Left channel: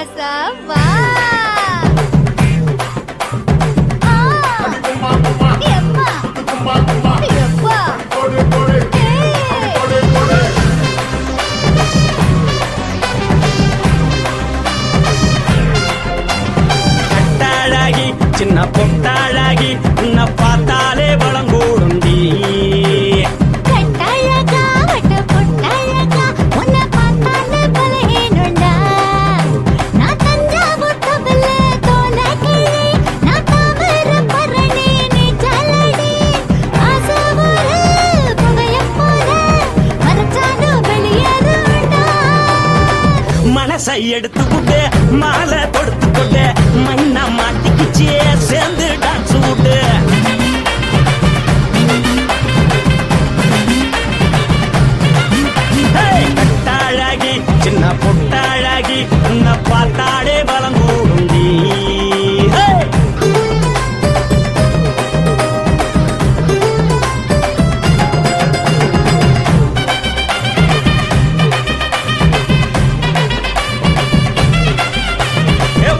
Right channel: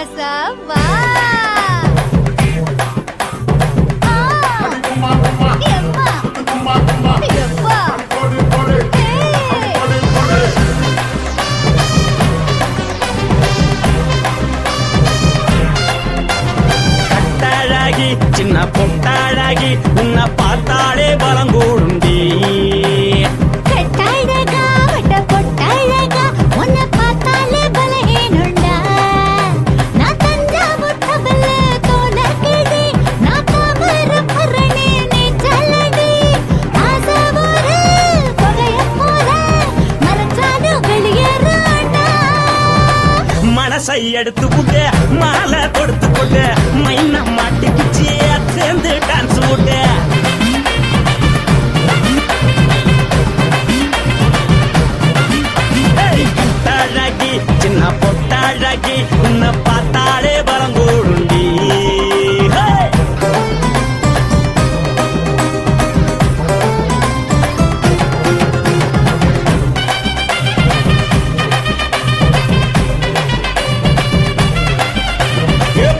ராசா வா எம்மா எப்பா கட்டாளாகி சின்ன பொட்டாளாகி உன்னை பார்த்தாலே பலம் கூடுண்டி மனசை எடுத்துக்கிட்ட மாலை கொடுத்துக்கிட்ட மைனா மாட்டிக்கிச்சு சேர்ந்து டான்ஸ் போட்டு கட்டாழகி சின்ன பொட்டாழகி உன்னை பார்த்தாலே பலம் கூடுண்டி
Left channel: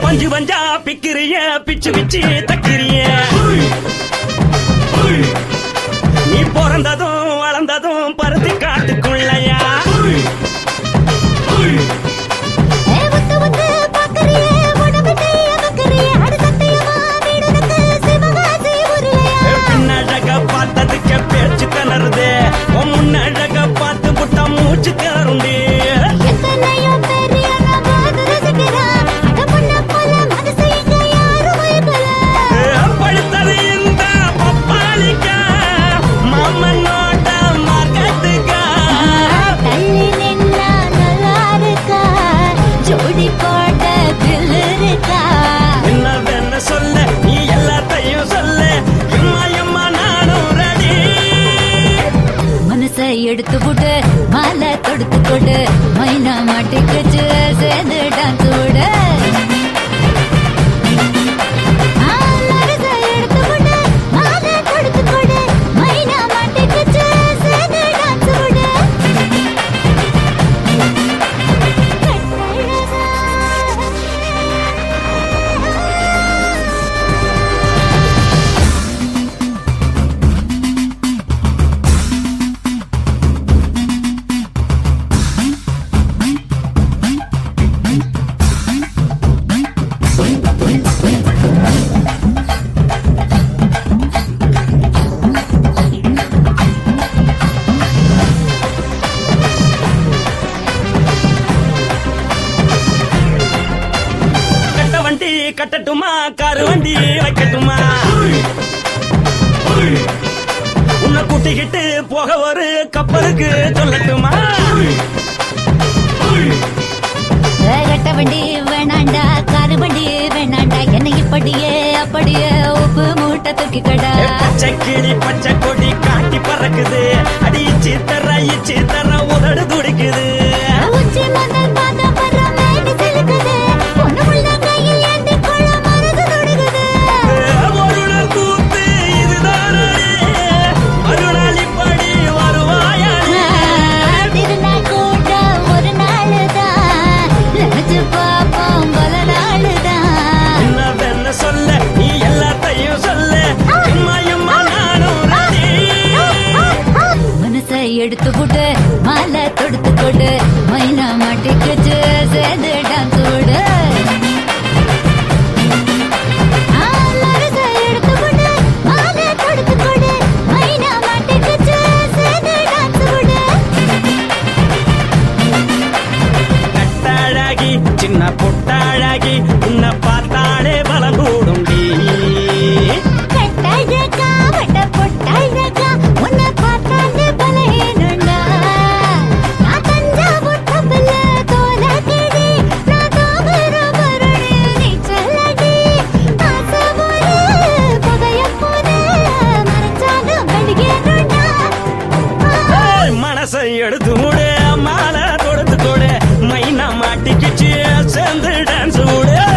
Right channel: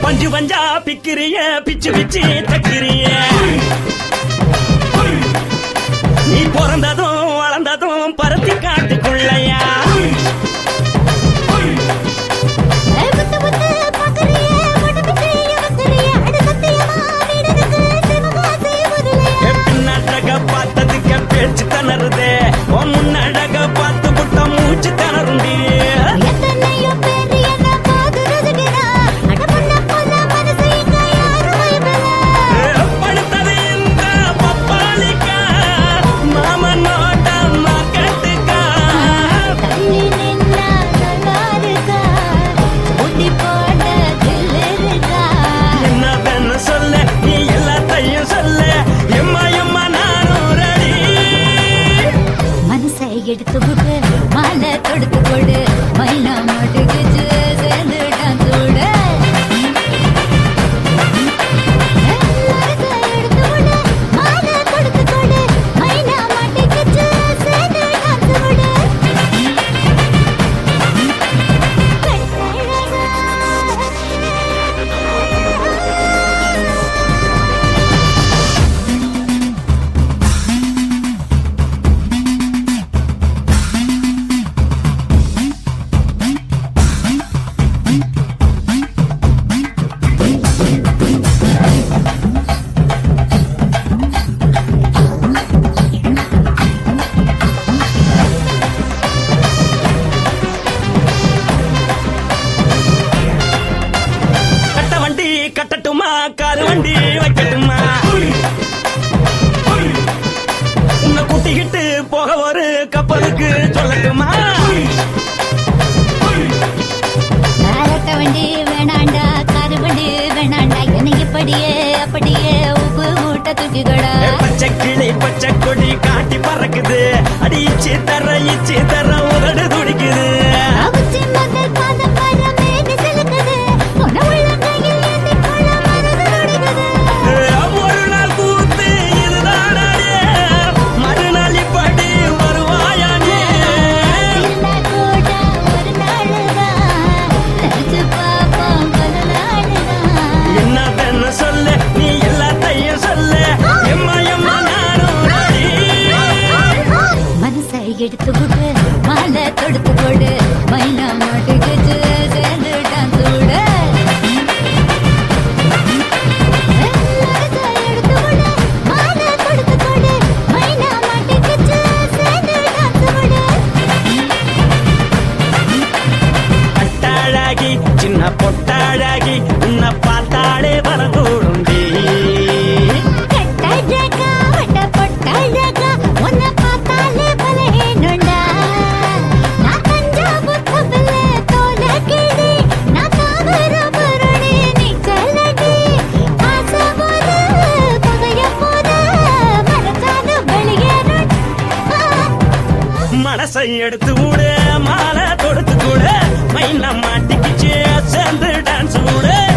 பஞ்சு பஞ்சா பிக்கிறிய பிச்சு பிச்சு தக்கிறிய நீ பிறந்ததும் வளர்ந்ததும் பருத்தி காட்டுக்குள்ளையா பின்னழக பார்த்ததுக்கு பேச்சு திணறுது முன்னழக பார்த்து புட்ட மூச்சு திணறுண்டி எடுத்து விடு மாலை தொடுத்து கொடு மைனா மாட்டுக்கு சேர்ந்து டான்ஸ் விடு கட்டட்டுமா காரு வண்டி வைக்கட்டுமா உன்னை கூட்டிக்கிட்டு போக ஒரு கப்பலுக்கு சொல்லட்டுமா வண்டி வேணாண்டா காரு வண்டி வேணாண்டா என்னைக்கு படியே அப்படியே உப்பு மூட்டை தூக்கிக்கடா பச்சை கிளி பச்சை கொடி காட்டி பறக்குது அடி இச்சி தர உதடு துடிக்குது எடுத்து விடு மாலை தொடுத்து கொடு மைனா மாட்டுக்கு சேர்ந்து டான்ஸ் விடு கட்டாழகி சின்ன பொட்டாழகி உன்னை பார்த்தாலே பலகூடுண்டி மனசை எடுத்து விடு மாலை தொடுத்து கொடு மைனா மாட்டிக்கிச்சு சேர்ந்து டான்ஸ் விடு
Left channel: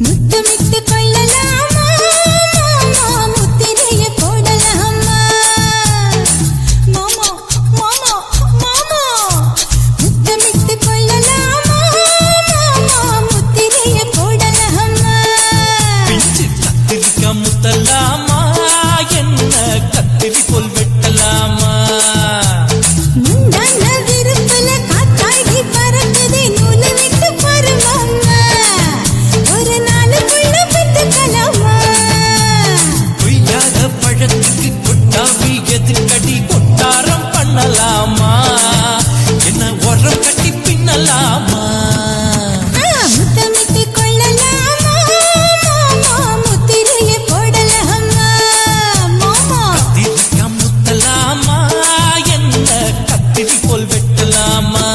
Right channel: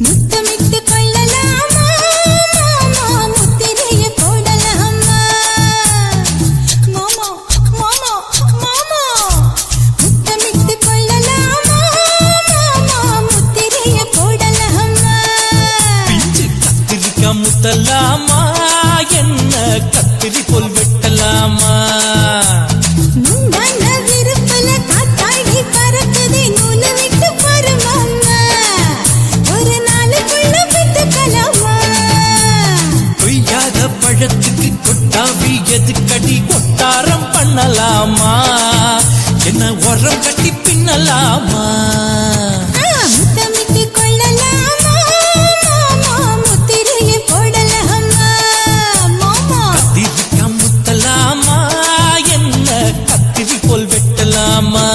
முத்தமிட்டு கொள்ளலாமா மாமா முத்திரைய போடலாமா மாமா மாமா மாமா முத்தமிட்டு கொள்ளலாமா மாமா முத்திரைய போடலாமா பிஞ்சு கத்திரிக்கா முத்தலாமா என்ன கத்திரி போல் வெட்டலாமா முந்தான விருப்பல காத்தாடி பறக்குதே நூலு விட்டு பாரு மாமா ஒரு நாளுக்குள்ள பெத்துக்கலாமா கொய்யாத பழத்துக்கு கொட்டாவி எதுக்கடி கொட்டாரம் பண்ணலாமா என்ன உரம் கட்டி பின்னலாமா முத்தமிட்டு கொள்ளலாமா மாமா முத்திரைய போடலாமா மாமா கத்திரிக்கா முத்தலாமா என்ன கத்திரி போல் வெட்டலாமா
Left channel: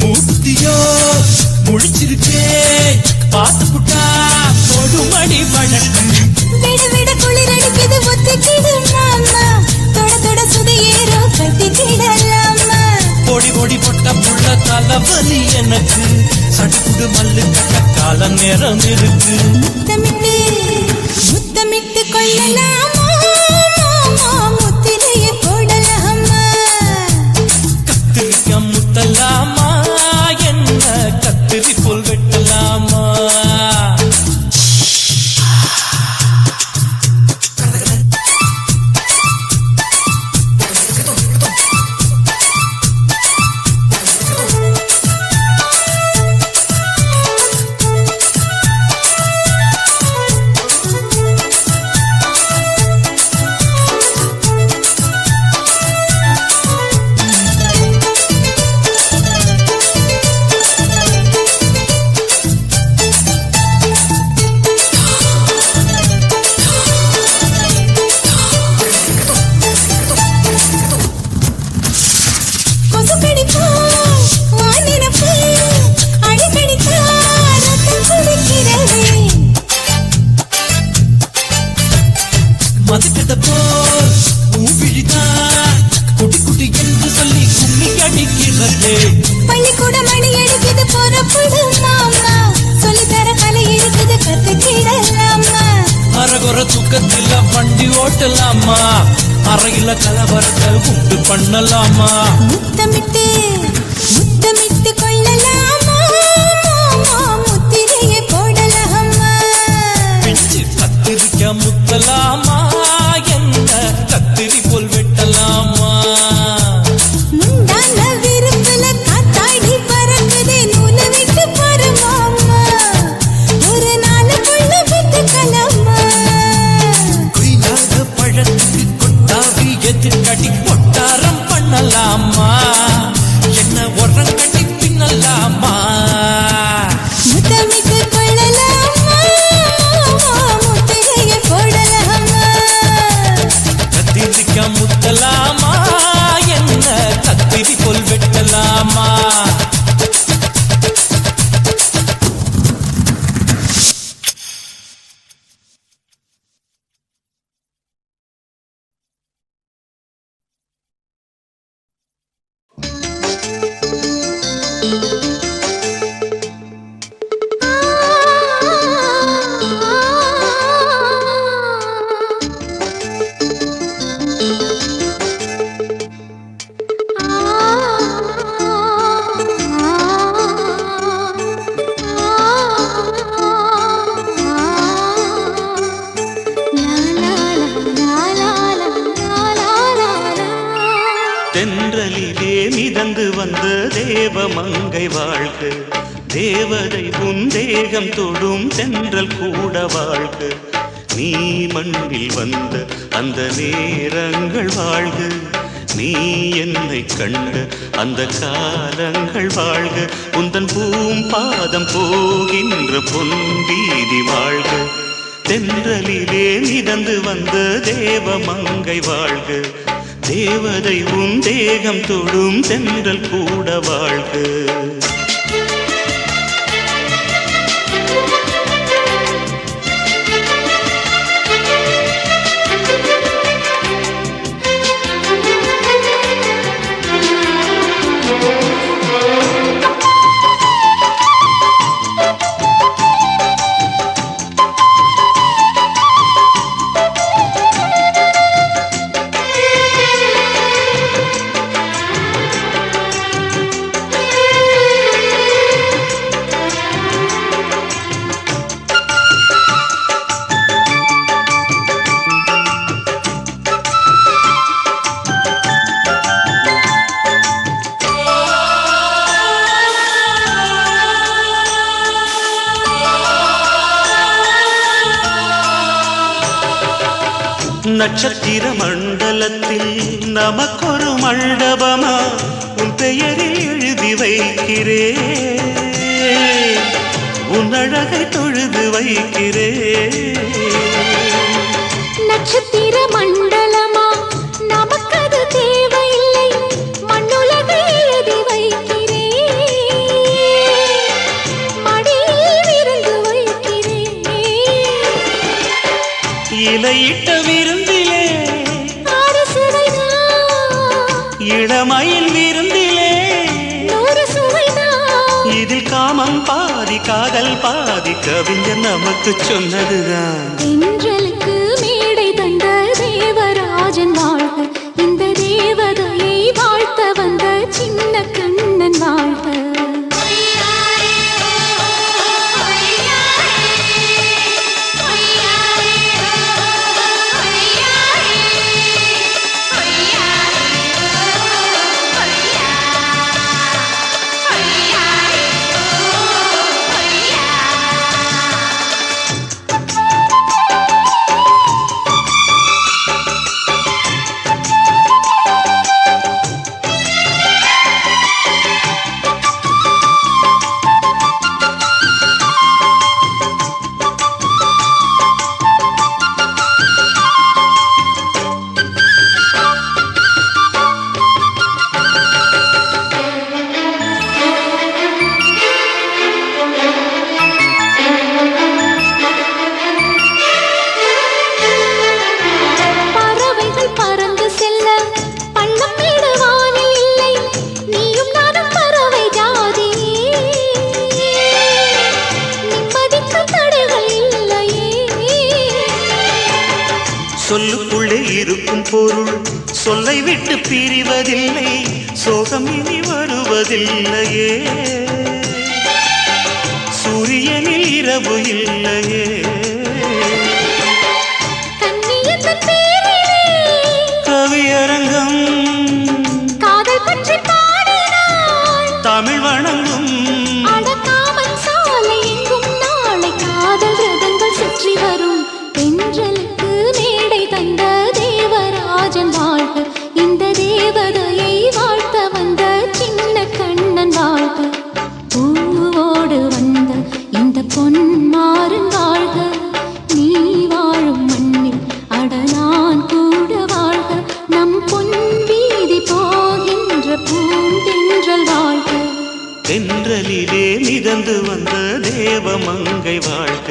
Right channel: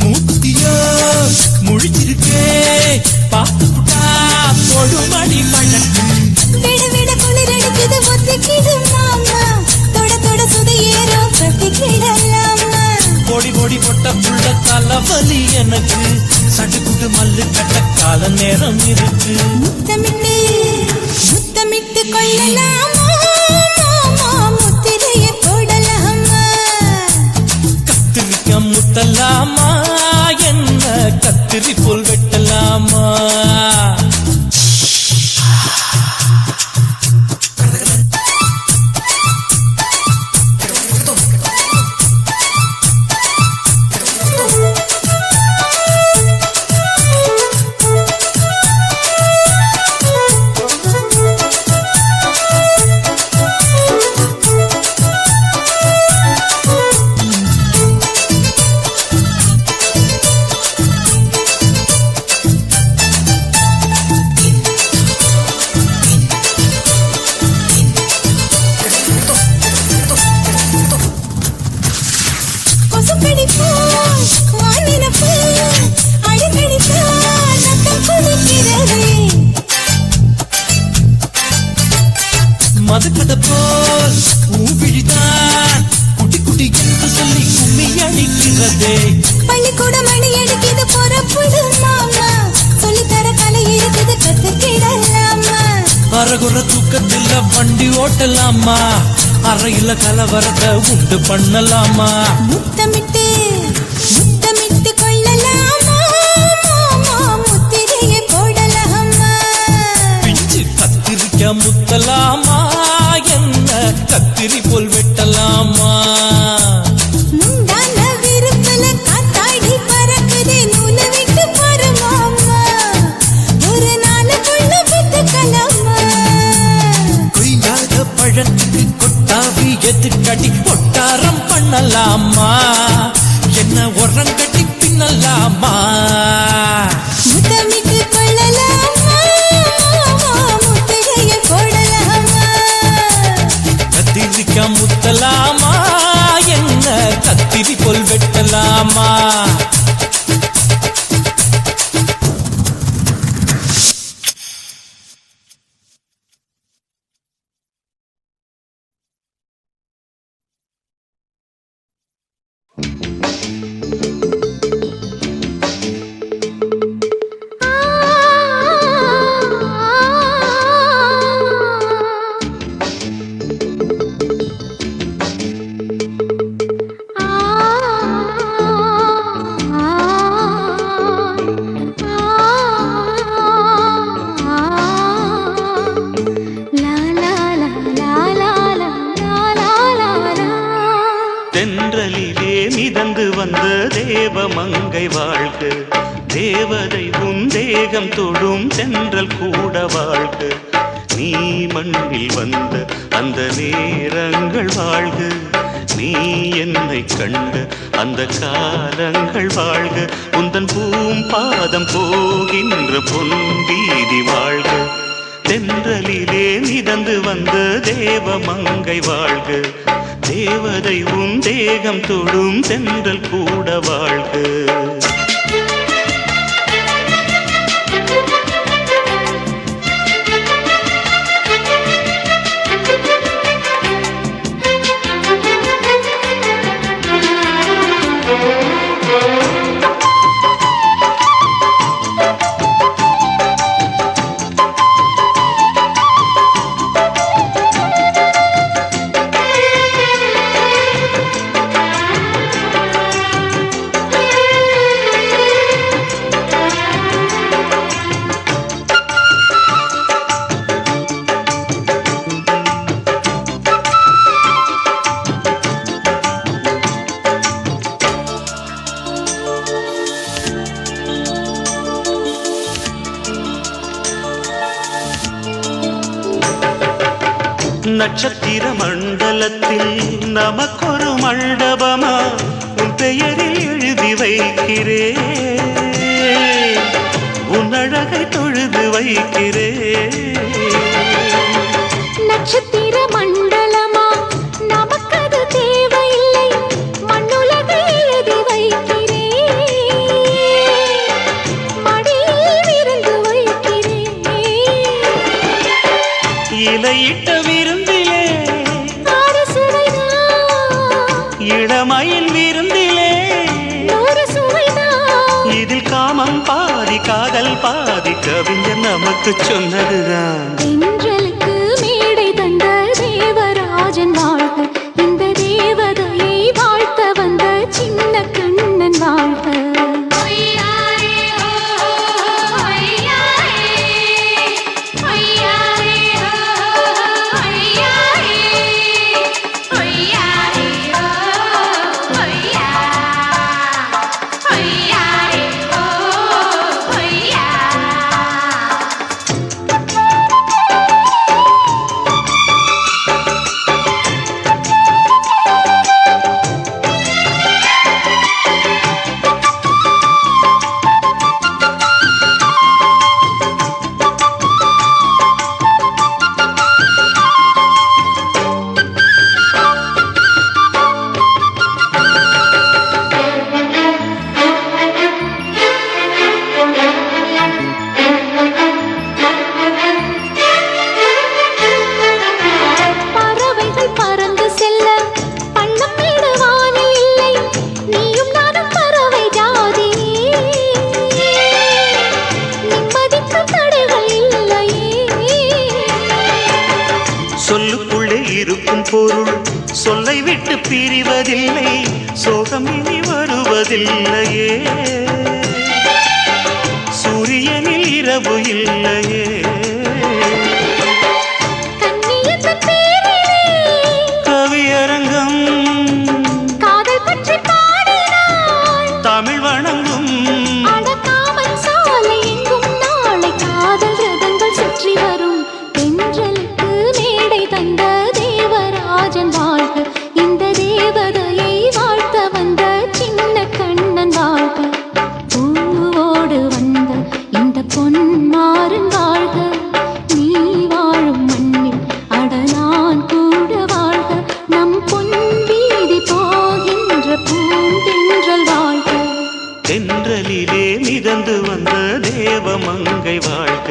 மூர்த்தியோ முடிச்சிருக்கே பாத்துக்கா தொடுபடி மழை விட விட குளிர் அடிக்குது முத்தக்கிடும் மாமா தொட தொட சுதையேறோ கத்திக்கிடலாமா பொடி பொடி பொட்ட புள்ள தளபதி எனக்கு கடுத்து மல்லு கட்ட கால நேரம் இருக்கு முத்தமிட்டு முத்தமிட்டு கொள்ளலாமா மாமா முத்திரைய போடலாமா கத்திரிக்கா முத்தலாமா என்ன கத்திரி போல் வெட்டலாமா கொசுக்கடிக்கா வானிடப்பு அடிக்கடிக்கா ரத்தம் குளிக்கிறது மதுக்கிட்ட போல் ஊபிடித்தான் குடி குடி என்று சொல்லி சொல்லி அடிக்கிறது பள்ளிக்கூட மடி எடுக்குது போறப்போது மாமா சொல்லித்தர கலை இருக்குது கத்துக்கிடலாமா அரகுற தூக்கத்தில் வண்டி ஓட்டலாமா அறையில கலவரத்தை உண்டு பண்ணலாமா முத்தமிட்டு முத்தமிட்டு கொள்ளலாமா மாமா முத்திரைய போடலாமா பிஞ்சு கத்திரிக்கா முத்தலாமா என்ன கத்திரி போல் வெட்டலாமா முந்தான விருப்பல காத்தாடி பறக்குதே நூலு விட்டு பாரு மாமா ஒரு நாளுக்குள்ள பெத்துக்கலாமா கொய்யாத பழத்துக்கு கொட்டாவி எதுக்கடி ஒட்டாரம் பண்ணலாமா என்ன உரம் கட்டி பின்னலாமா முத்தமிட்டு கொள்ளலாமா மாமா முத்திரைய போடலாமா கத்திரிக்கா முத்தலாமா என்ன கத்திரி போல் வெட்டலாமா தேவ மங்கை வாழ்க, தேவதை உன் தேகம் தொடும் தென்றல் கூட வாழ்க, நீ மண்ணில் வந்த அந்த நேரங்கள் வாழ்க, நீ என்னை கண்ட அந்த காலங்கள் வாழ்க, உந்தன் பூம்பாதம் போகின்ற பொன் வீதி வாழ்க, தென்றலிலே மிதந்து வந்த தேவ மங்கை வாழ்க, தேவதை உன் தேகம் தொடும் தென்றல் கூட வாழ்க. நட்சத்திர மண்டலத்தில் நமக்கொரு மண்டபமா உன் பெயரில் எழுதி வைக்கிறேன், உன் அழகை தொழுது வைக்கிறேன். நட்சத்திர மண்டலமா நமக்கது தேவையில்லை, மண்ணுலகை எழுதி வைக்கிறேன், மடியில் விருந்து வைக்கிறேன். இலையிட்ட விருந்திலே இளமயில் விருந்திலே இதில் காமம் பாதி காதல் பாதி கவிஞர் நமக்கு சொன்னதுதான். தென்றலுக்கு மேடை தந்த தேவராஜன் வாழ்க, இந்த தேவதையை வாழ்த்த வந்த சின்ன கண்ணன் வாழ்க. சொல்லுக்குள்ளே இருக்கும் பொருள் சொல்லை விட்டு பிரிவதில்லை, சோகம் இனி வருவதில்லையே, சூரியனில் இரவு இல்லையே. கவியரங்கம் காதல் பற்றி பாடினாள், தமிழ் வணங்கும் அடக்காமல் சாலை எங்கும் நாளை காதல் ரதங்கள் சுற்றி வரும். தென்றலுக்கு மேடை தந்த தேவராஜன் வாழ்க, இந்த தேவதையை வாழ்த்த வந்த சின்ன கண்ணன் வாழ்க. பூவோடு வந்த இந்த பொன்மாறன் வாழ்க, நீ வாழும் மண்ணில் அட நான் கூட வாழ்க, நம் பொன் வீதி போகின்ற பூந்தென்றல் வாழ்க. தென்றலிலே மிதந்து வந்த தேவ மங்கை வாழ்க,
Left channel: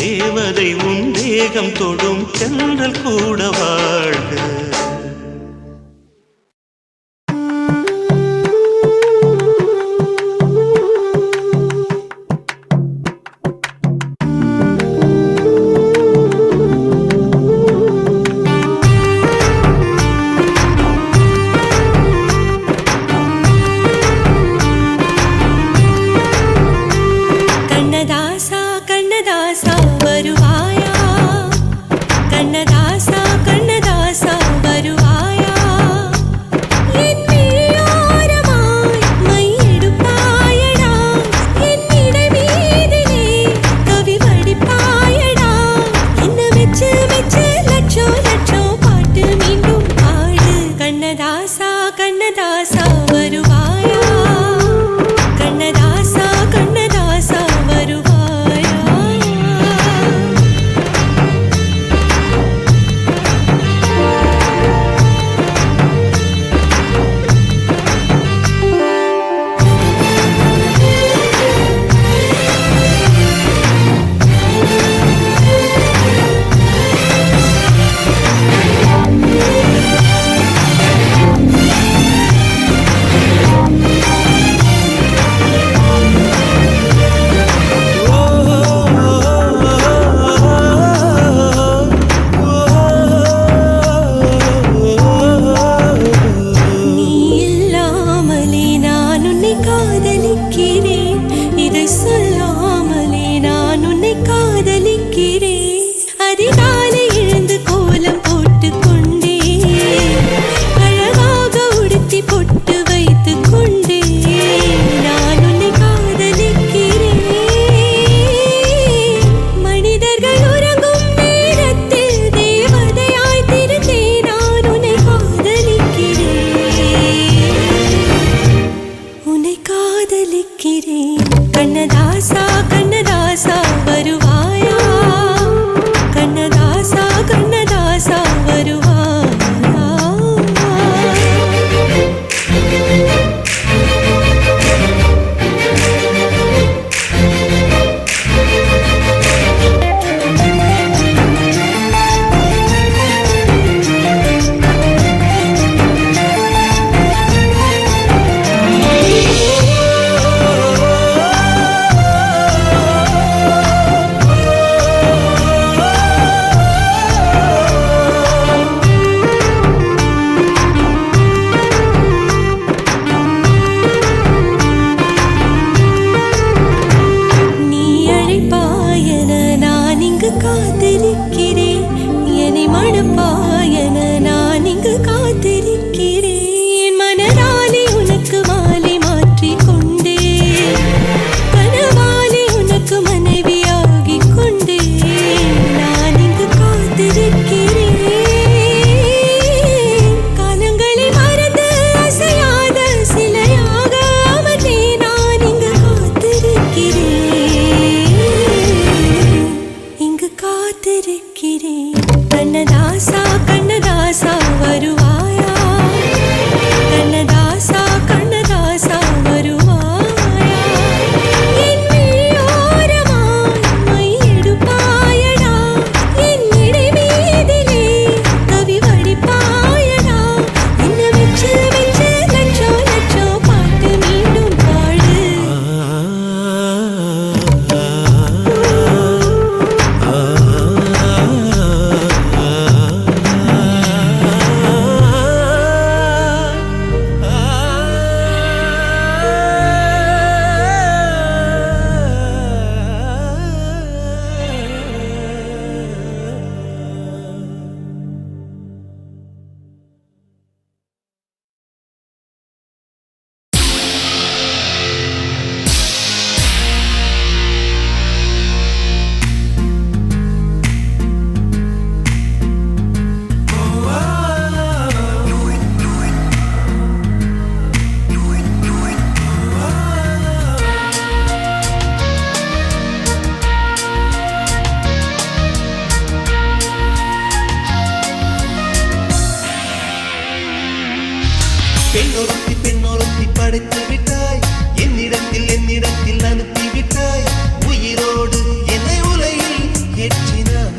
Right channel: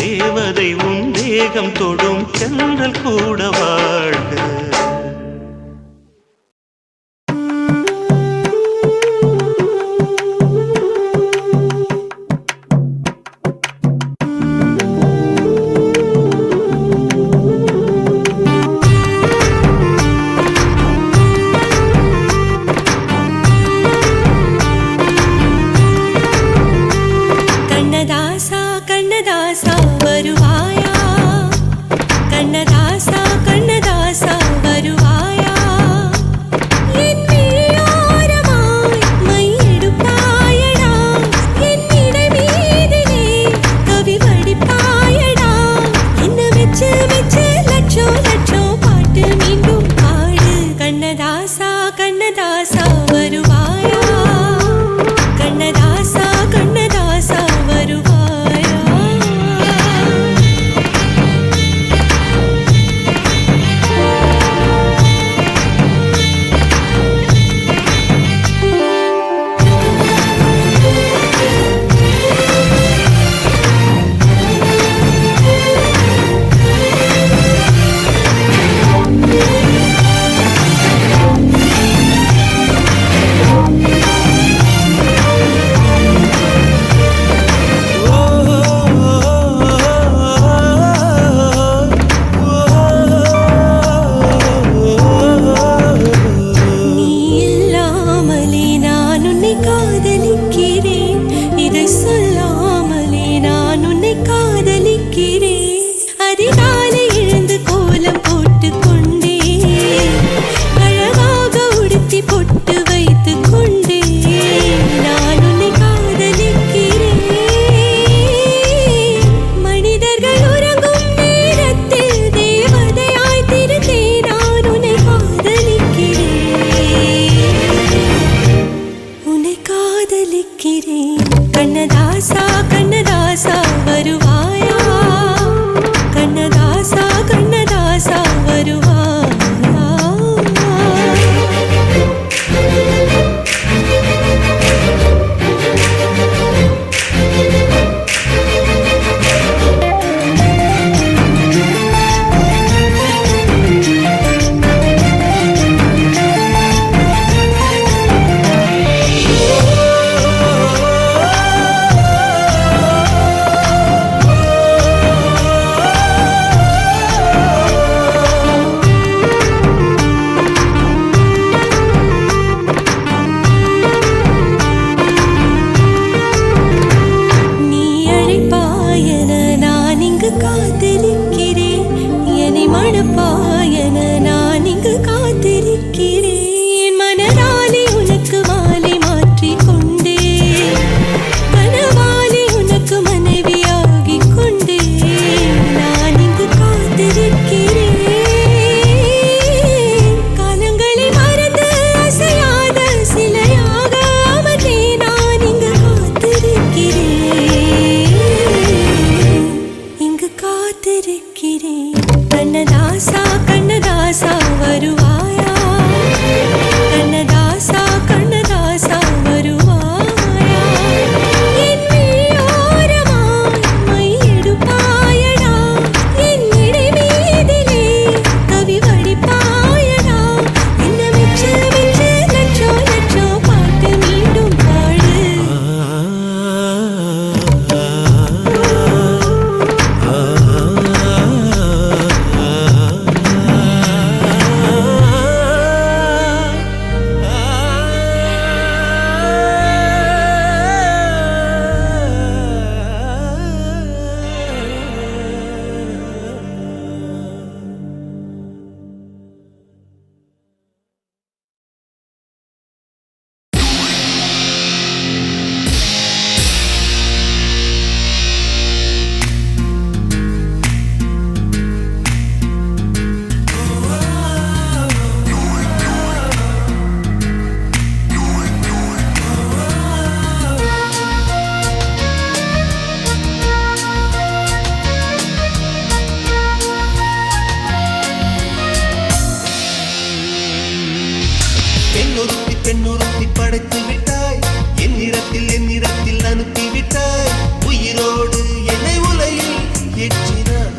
தேவதை உன் தேகம் தொடும் தென்றல் கூட வாழ்க. கண்ணதாசா கண்ணதாசா வருவாயா, கண்ணதாசா கண்ணதாசா வருவாயா, என் விழியோரமாய் மை அனுப்பாயன நான் இங்கு காத்திருக்கிறேன். மனதாலே உனக்கு மாலை மாற்றிக் கொண்டே, கனவாலே உனக்கு மனைவியாகிக் கொண்டே நான் இங்கு காத்திருக்கிறேன். காலங்களை மறந்து அசையாத சிலையாக அமர்ந்தே நான் இங்கு காத்திருக்கிறேன், இங்கு காத்திருக்கிறேன். கண்ணதாசா கண்ணதாசா வருவாயா, கண்ணதாசா கண்ணதாசா வருவாயா, என் விழியோரமாய் மை எடுப்பாயடா, என் இடை மீதிலே கவி வடிப்பாயடா, என்ன வெச்சு வெச்சு லட்சோ லட்சோ பாட்டு மீண்டும் பாடு. பெண்ணொருத்தி படைத்து விட்டாய், என்னிடத்தில் அனுப்பி விட்டாய், உயிரோடு என்னை உலையில் ஏற்றினாய்.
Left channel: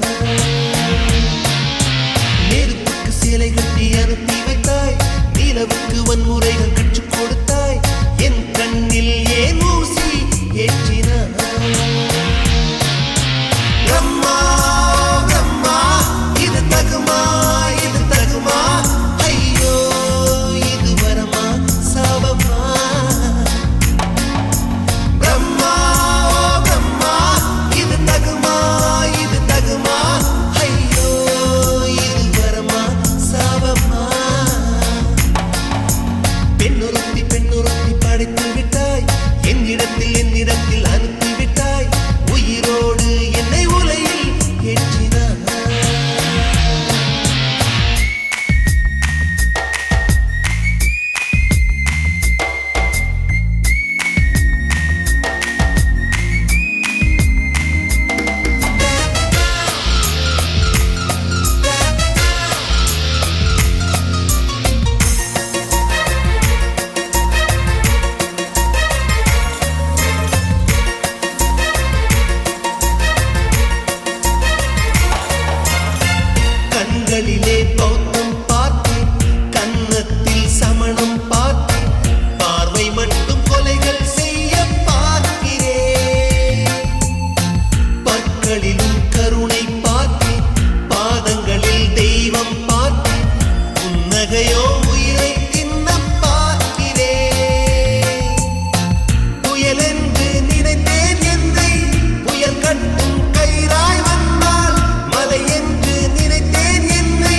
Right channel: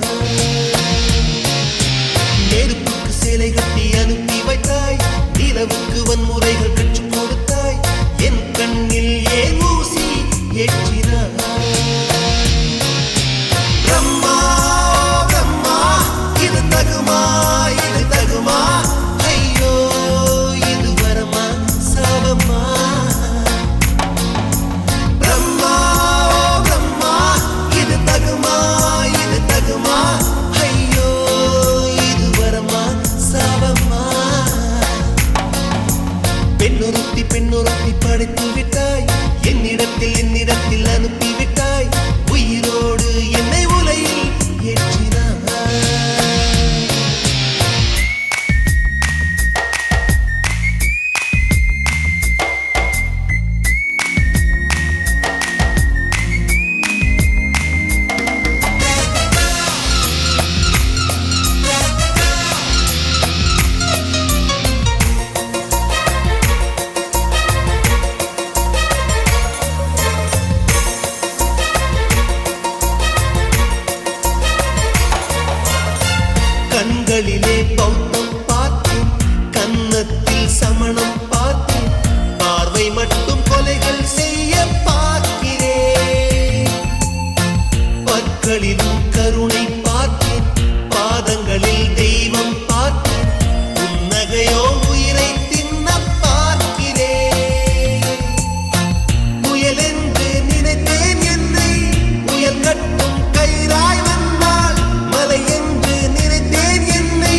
நெருப்புக்கு சிலை கட்டி அனுப்பி வைத்தாய், நிலவுக்கு வன்முறைகள் கற்றுக் கொடுத்தாய், என் கண்ணில் ஏன் ஊசி ஏற்றினாய். பிரம்மா பிரம்மா இது தகுமா, இது தகுமா, ஐயோ இது வரமா சாபமா. பிரம்மா பிரம்மா இது தகுமா, இது தகுமா, ஐயோ இது வரமா சாபமா. பெண்ணொருத்தி படைத்து விட்டாய், என்னிடத்தில் அனுப்பி விட்டாய், உயிரோடு என்னை உலையில் ஏற்றினாய். கண்களிலே பௌத்தம் பார்த்தேன், கன்னத்தில் சமணம் பார்த்தேன், பார்வை மட்டும் கொலைகள் செய்ய பார்க்கிறேன். பற்களிலும் கருணை பார்த்தேன், பாதங்களில் தெய்வம் பார்த்தேன், புன்னகையோ உயிரை தின்ன பார்க்கிறேன். புயல் என்று நினைத்தேன் என்னை, புயல் கட்டும் கயிறாய் வந்தால், மலை என்று நினைத்தேன் என்னை,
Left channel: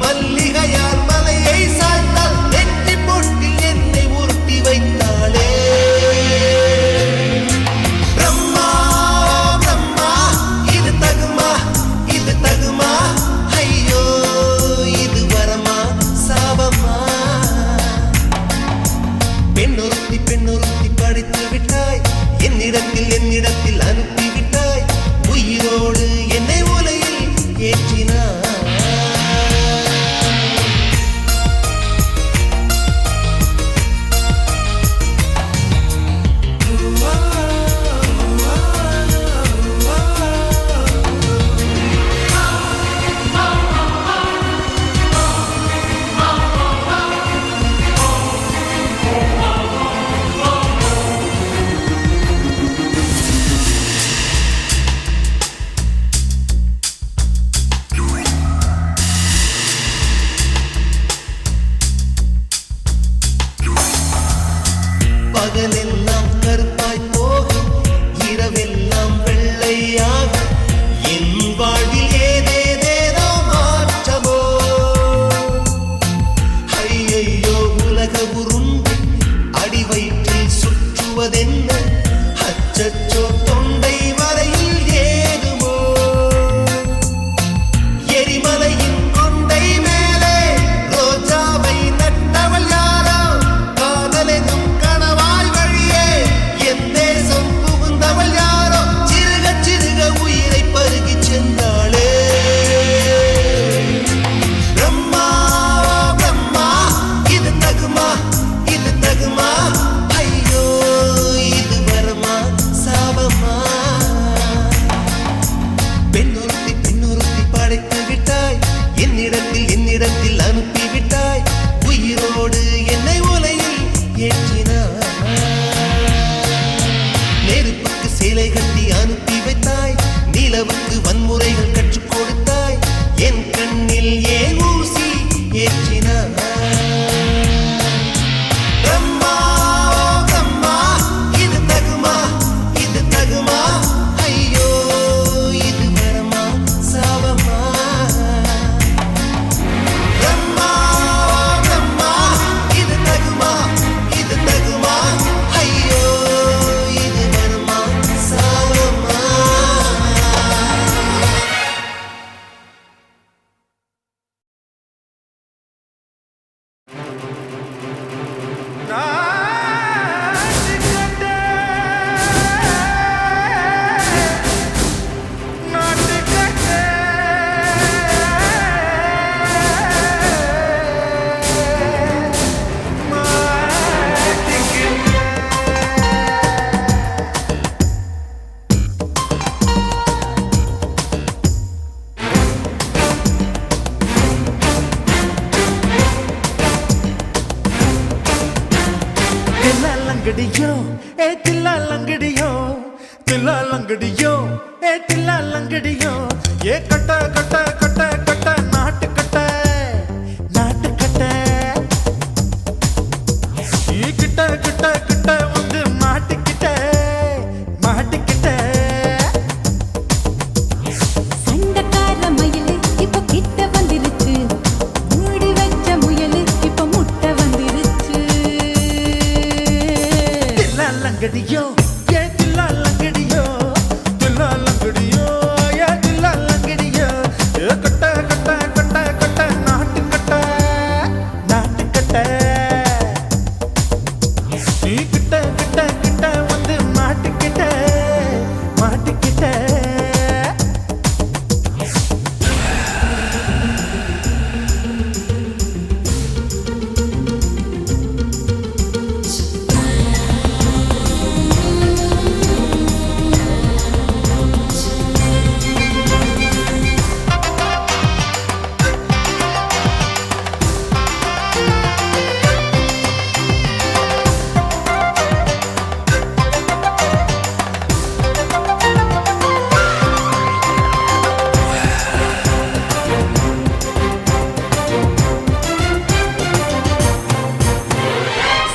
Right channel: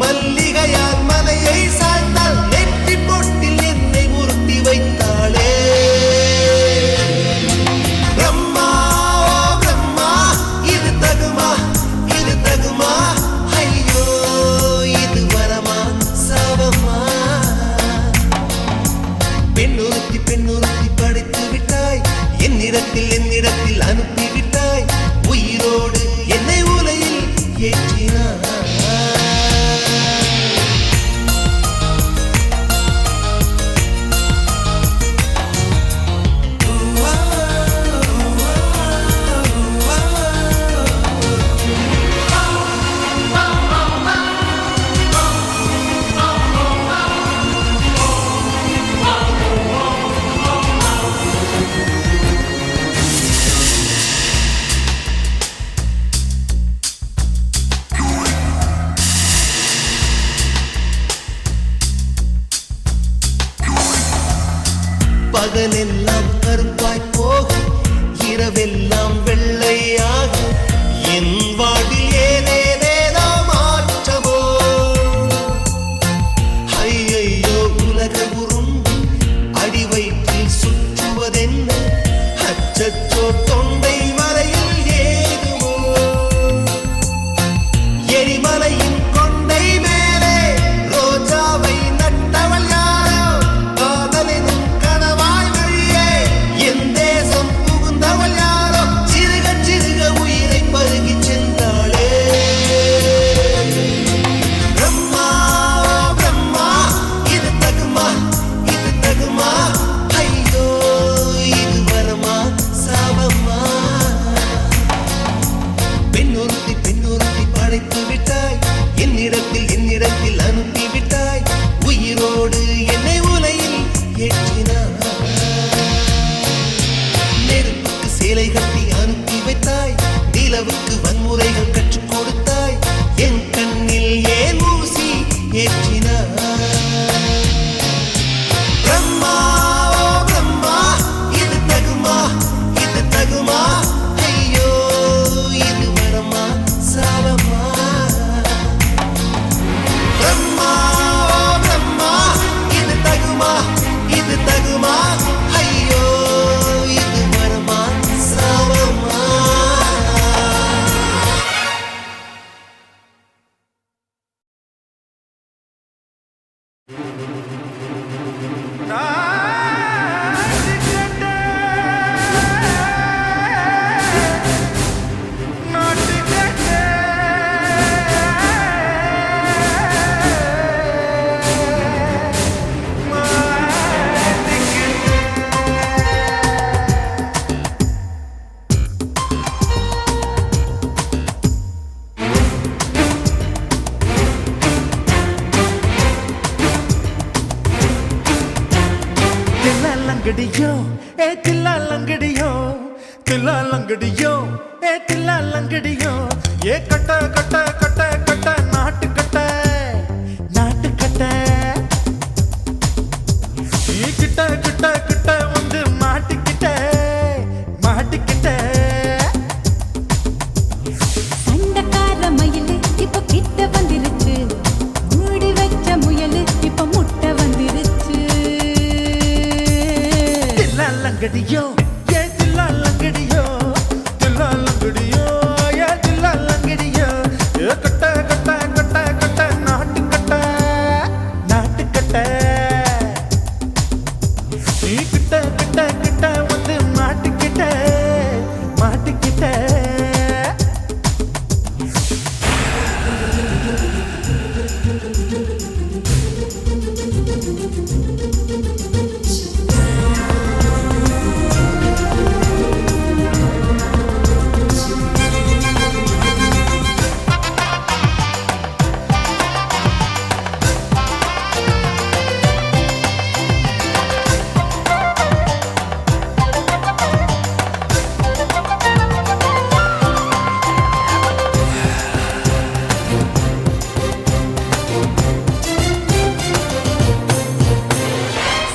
மல்லிகையால் மலையை சாய்த்தால், நெற்றி பொட்டில் என்னை உருட்டி வைத்தாளே. பிரம்மா பிரம்மா இது தகுமா, இது தகுமா, ஐயோ இது வரமா சாபமா. பெண்ணொருத்தி படைத்து விட்டாய், என்னிடத்தில் அனுப்பி விட்டாய், உயிரோடு என்னை உலையில் ஏற்றினாய். பகலெல்லாம் கருப்பாய் போக, இரவெல்லாம் வெள்ளையாக, என் வாழ்வில் ஏதேதேதோ மாற்ற என்னிடத்தில் அனுப்பிவிட்டாய் உயிரோடு என்னை உலையில் ஏற்றினாய் நெருப்புக்கு சேலை கட்டி அனுப்பி வைத்தாய் நிலவுக்கு வன்முறைகள் கற்றுக் கொடுத்தாய் என் கண்ணில் ஏன் ஊசி ஏற்றினாய் பிரம்மா பிரம்மா இது தகுமா இது தகுமா ஐயோ இது வரமா சாவமா பிரம்மா பிரம்மா இது தகுமா ஐயோ இது வரமா சாவமா தில்லாலங்கடியோ ஏ தில்லாலங்கடியோ தில்லாலங்கடியோ ஏ தில்லாலங்கடியோ ஏ கட்ட கட்ட கட்ட கட்ட நாட்டு கட்ட நாட்டு கட்ட ஈ கிட்ட கிட்ட கிட்ட வந்து மாட்டிக்கிட்ட மாட்டிக்கிட்ட சண்டக்கார மயிலு இப்ப கிட்ட வந்துருச்சு மூடி வச்ச முயலு இப்ப முட்டை வந்துருச்சு தில்லாலங்கடியோ ஏ தில்லாலங்கடியோ தில்லாலங்கடியோ ஏ தில்லாலங்கடியோ ஏ கட்ட கட்ட கட்ட கட்ட நாட்டு கட்ட நாட்டு கட்ட நீ கிட்ட கிட்ட கிட்ட வந்து மாட்டிக்கிட்ட மாட்டிக்கிட்ட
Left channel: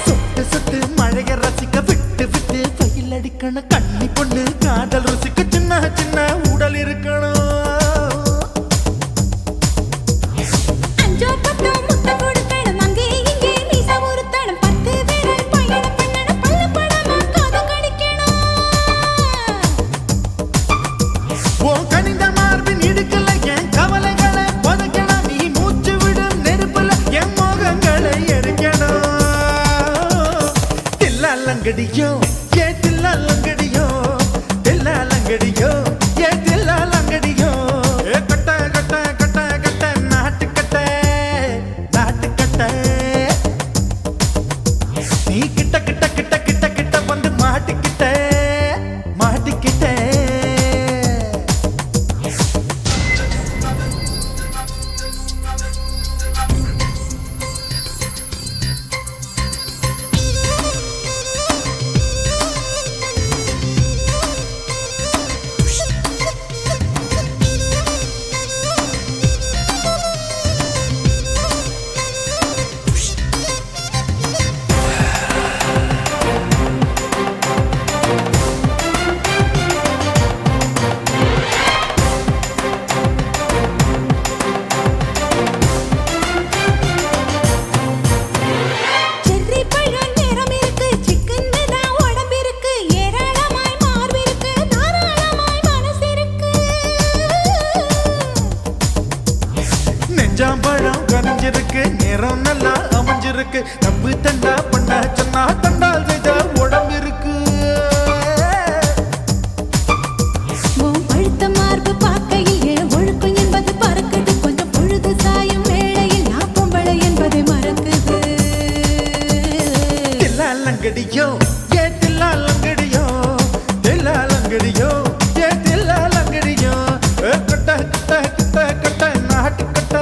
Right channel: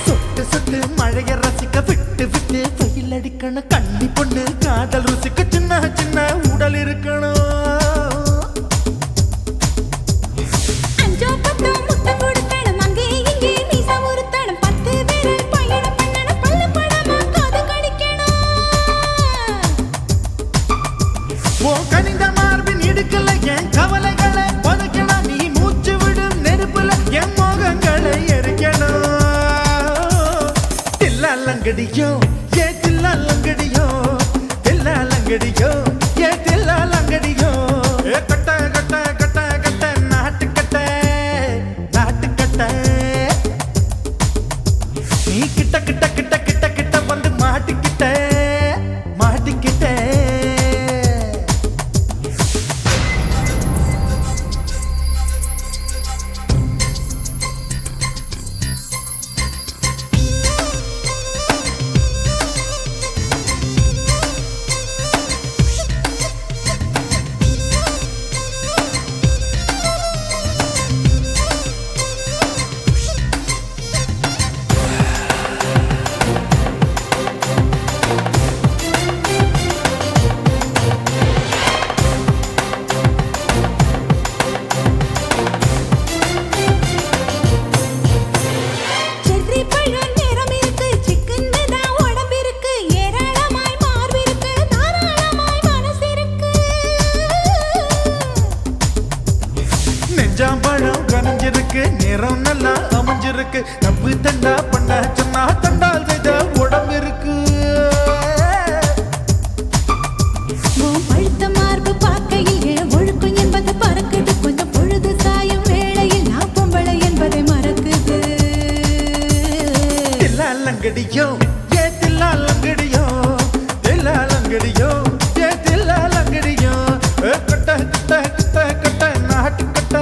சொட்டு சொட்டு மழைய ரசிக்க விட்டு விட்டு வெயில் அடிக்கணும் கண்ணி பொண்ணு காதல் ருசிக்க சின்ன சின்ன உடல் இருக்கணும் அஞ்சோ பத்தோ முட்டை கொடுக்கணும் அங்கே இங்கே மீச உருத்தணும் 10 விரல் பயணம் பண்ணணும் பல்ல படமா காது கடிக்கணும் ஓ கனிந்த மார்பின் இடுக்கல என் கவலைகளை புதைக்கணும் நீ மூச்சு விடும் நெருப்புல என் மோகங்களை எரிக்கணும் தில்லாலங்கடியோ ஏ தில்லாலங்கடியோ தில்லாலங்கடியோ ஏ தில்லாலங்கடியோ ஏ கட்ட கட்ட கட்ட கட்ட நாட்டு கட்ட நாட்டு கட்ட நீ கிட்ட கிட்ட கிட்ட கிட்ட கிட்ட வந்து மாட்டிக்கிட்ட மாட்டிக்கிட்ட செர்ரி பழம் நிறம் இருக்கு சிக்கன்னு தான் உடம்பு இருக்கு ஏராளமாய் மார்பு இருக்கு தாராளமாய் மனசு இருக்கு நெஞ்சாம்பழம் கனிஞ்சிருக்கு நிறம் நல்லா அமைஞ்சிருக்கு தப்பு தண்டா பண்ண சொன்னா தண்டால் செய்த உடம்பு இருக்கு உன் பழுத்த மார்பு பார்க்கையில் என் ஒழுக்கம் என்பது பறக்குது கொஞ்சம் பொழுது சாயும் வேளையில் நான் பொம்பளை என்பதை மறக்குது தில்லாலங்கடியோ ஏ தில்லாலங்கடியோ தில்லாலங்கடியோ ஏ தில்லாலங்கடியோ கட்ட கட்ட கட்ட கட்ட நாட்டு கட்ட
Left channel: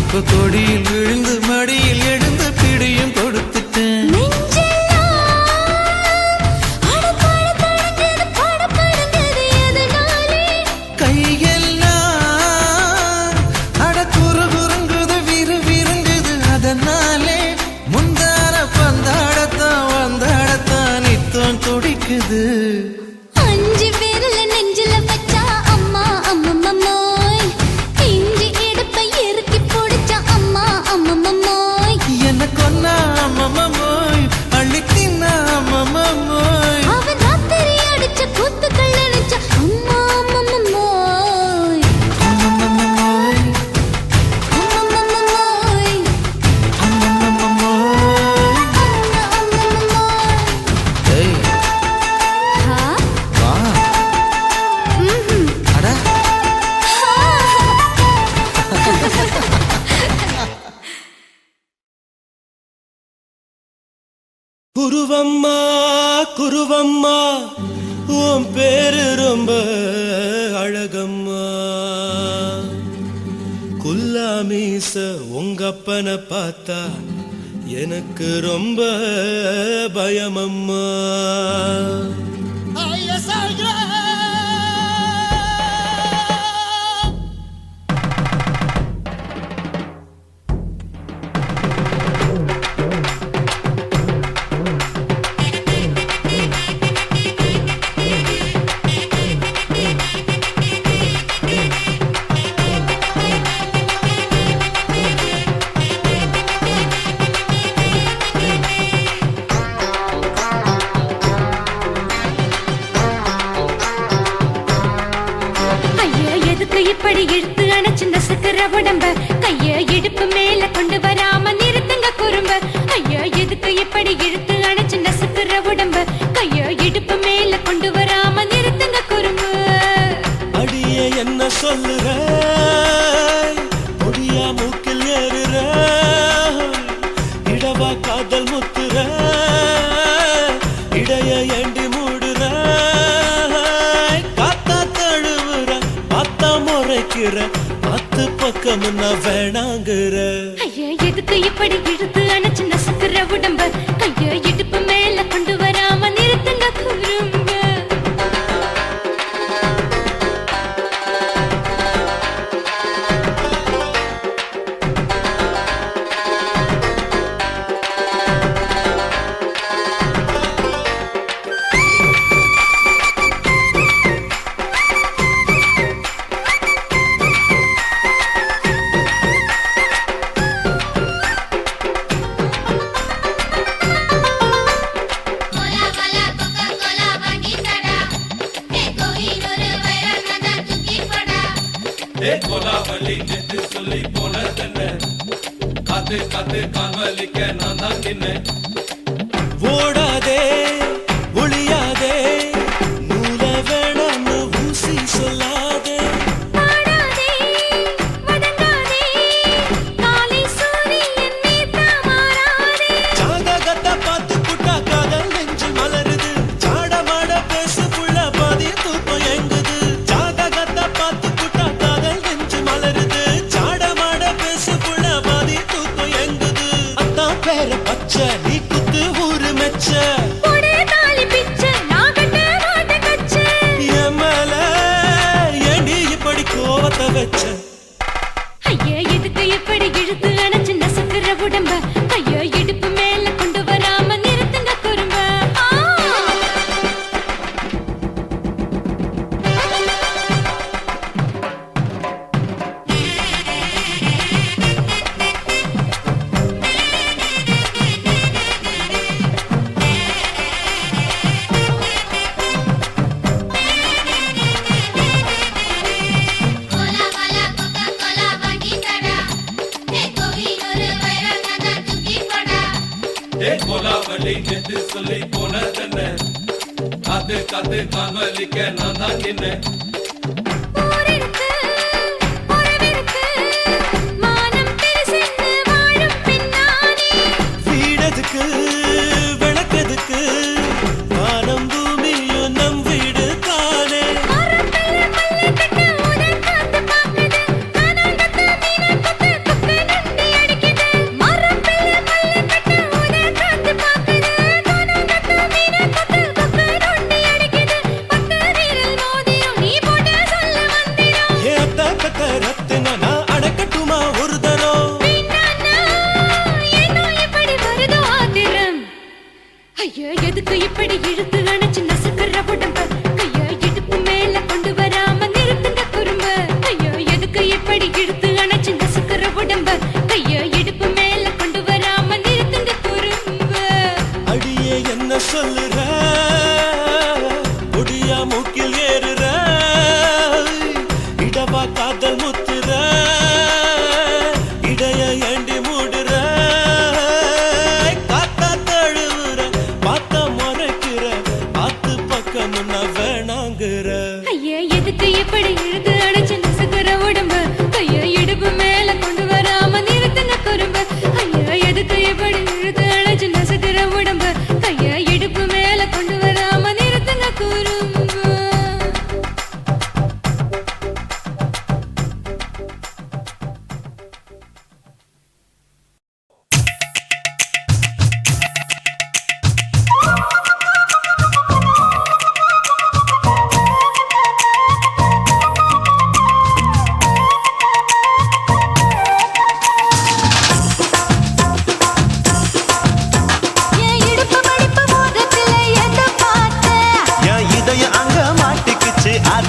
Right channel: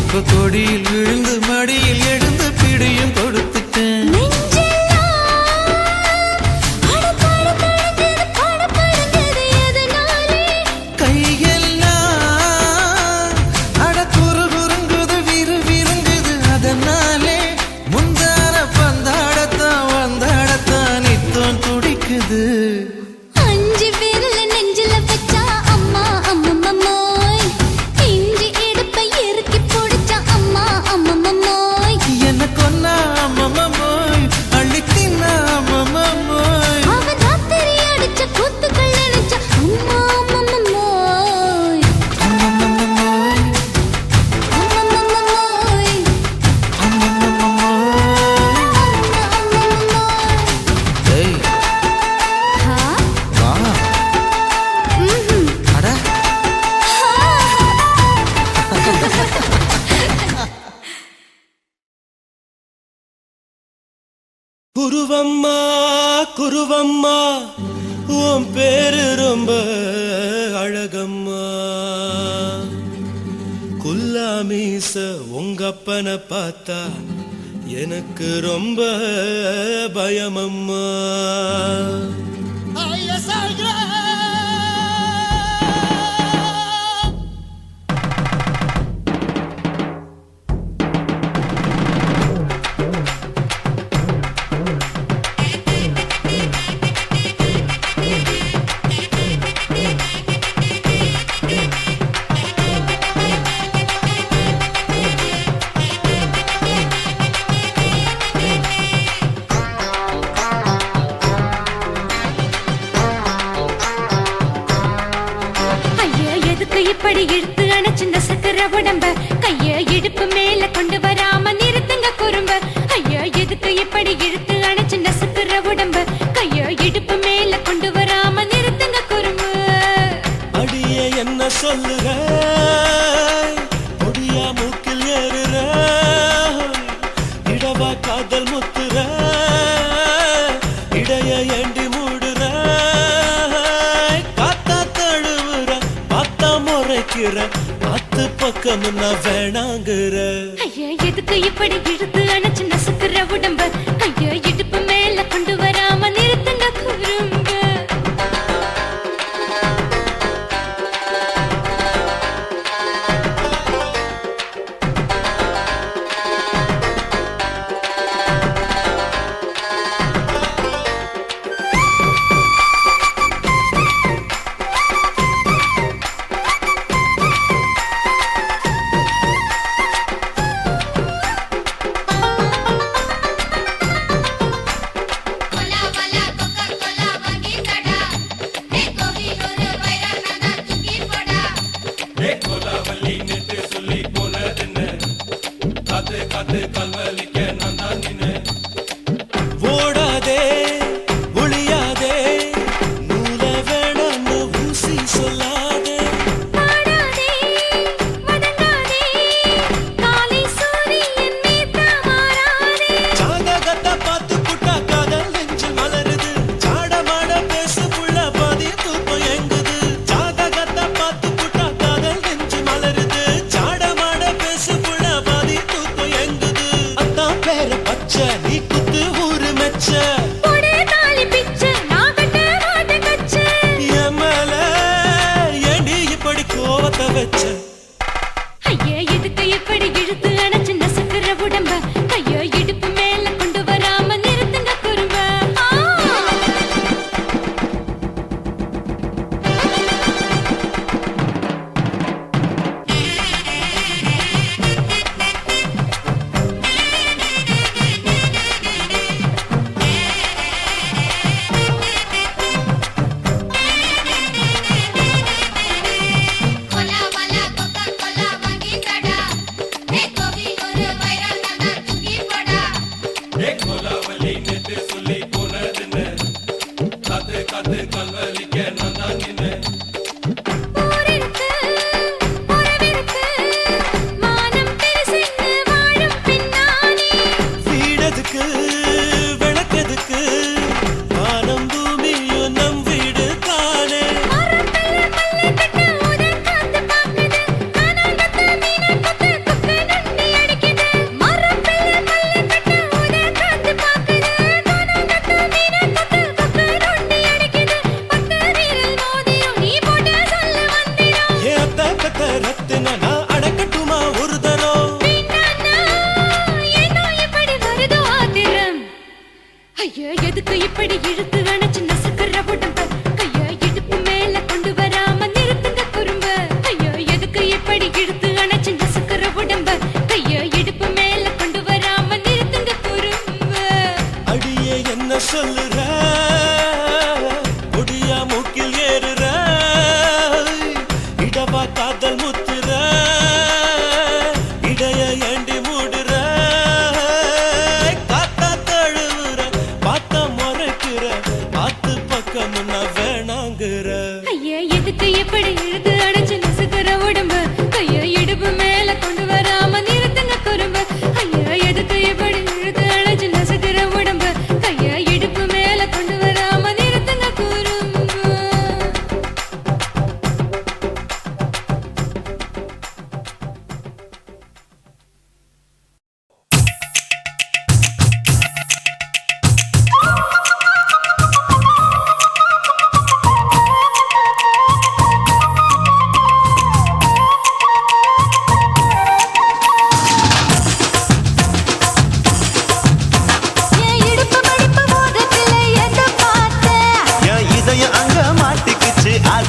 இப்ப கொடியில் விழுந்து மடியில் எழுந்து பிடியும் கொடுத்துட்டேன். கையெல்லாம் அட குறு குறுங்குது விறு விருங்குது அதனாலே முந்தார பந்தாடத்தான் வந்தாடத்தான் நித்தம் துடிக்குது. அஞ்சு விரல நெஞ்சில வச்சா அம்மா அம்மம்மோய், இஞ்சி எடுப்பை இறுக்கி பிடிச்சா அம்மா அம்மம்மோய், என்ன கொன்னா அம்மம்மோய் அள்ளி தின்னா அம்மம்மோய், அவன் ராத்திரி அடிச்ச கூத்துக்கள் நினைச்சா அம்மா அம்மம்மோய், அம்மம்மோய் அம்மம்மோய், அம்மம்மோய். அம்மம்மோய். ஏய் ஹா? வா ம்ஹும். அட குருவம்மா குருவம்மா உன் பேரு ரொம்ப அழகம்மா. குல்லாமீச உங்க அப்பனை பார்த்தா எனக்கு ரொம்ப பயமம்மா. ஐயா எதுக்கு இப்படி இழுத்து அணைச்சு நசுக்கிற உடம்ப, கைய இடுப்பு மேல கொண்டு வராம நிறுத்துங்க குறும்ப. ஐயா எதுக்கு இப்படி இழுத்து அணைச்சு நசுக்கிற உடம்ப, கைய இடுப்பு மேல கொண்டு வராம நிறுத்துங்க குறும்பு. அடியே என்ன சொல்லுற ஒடியா மூக்கில் ஏறுற, இடவா காதல் முத்துற, இடைய ஏண்டி மூடுற, காத்தா தழுவுற பார்த்தா முறைக்கிற, பத்து பக்கம் நான் வேணாங்குற. ஐயா எதுக்கு இப்படி இழுத்து அணைச்சு நசுக்கிற உடம்ப, கைய இடுப்பு மேல கொண்டு வராம நிறுத்துங்க குறும்ப. ஓடாதே ஒளியாதே நூல வேணான்னு ஊசி சொல்லாதே, பாடாதே வதங்காதே காலை சூரியன் மீதா மாறாதே. ஜாதகத்தை பார்த்து புட்டா காதல் நெஞ்சு மலருது, சாட மாட பேசு புள்ள பாதி தூக்கம் எங்குது. ஜாதகத்தை பார்த்து புட்டா காதல் நெஞ்சு மலருது, சாட மாட பேசு புள்ள பாதி தூக்கம் எங்குது. அத்தான் பேர பச்சை நீ குத்து ஊரு மெச்ச, போடே தாலி பிச்சை நான் கட்ட மாட்ட கச்சை. என் மேல ஏண்டி இப்படி கோவத்தை வச்ச. ஐயா எதுக்கு இப்படி இழுத்து அணைச்சு நசுக்கிற உடம்ப, கைய இடுப்பு மேல கொண்டு வராம நிறுத்துங்க குறும்ப. ஊரிருக்கு, உறவிருக்கு, மானம் பெருசென்று வாழும் பெண்ணானே. வீடதுக்கு விளக்கதுக்கு வானம் பூமியும் நம் வீடு தானே. மரத்துல மல்லி கட்டு உடன் காத்து பாக்குது, கானாங்கத்து மீனை கொத்து கொக்குன்னு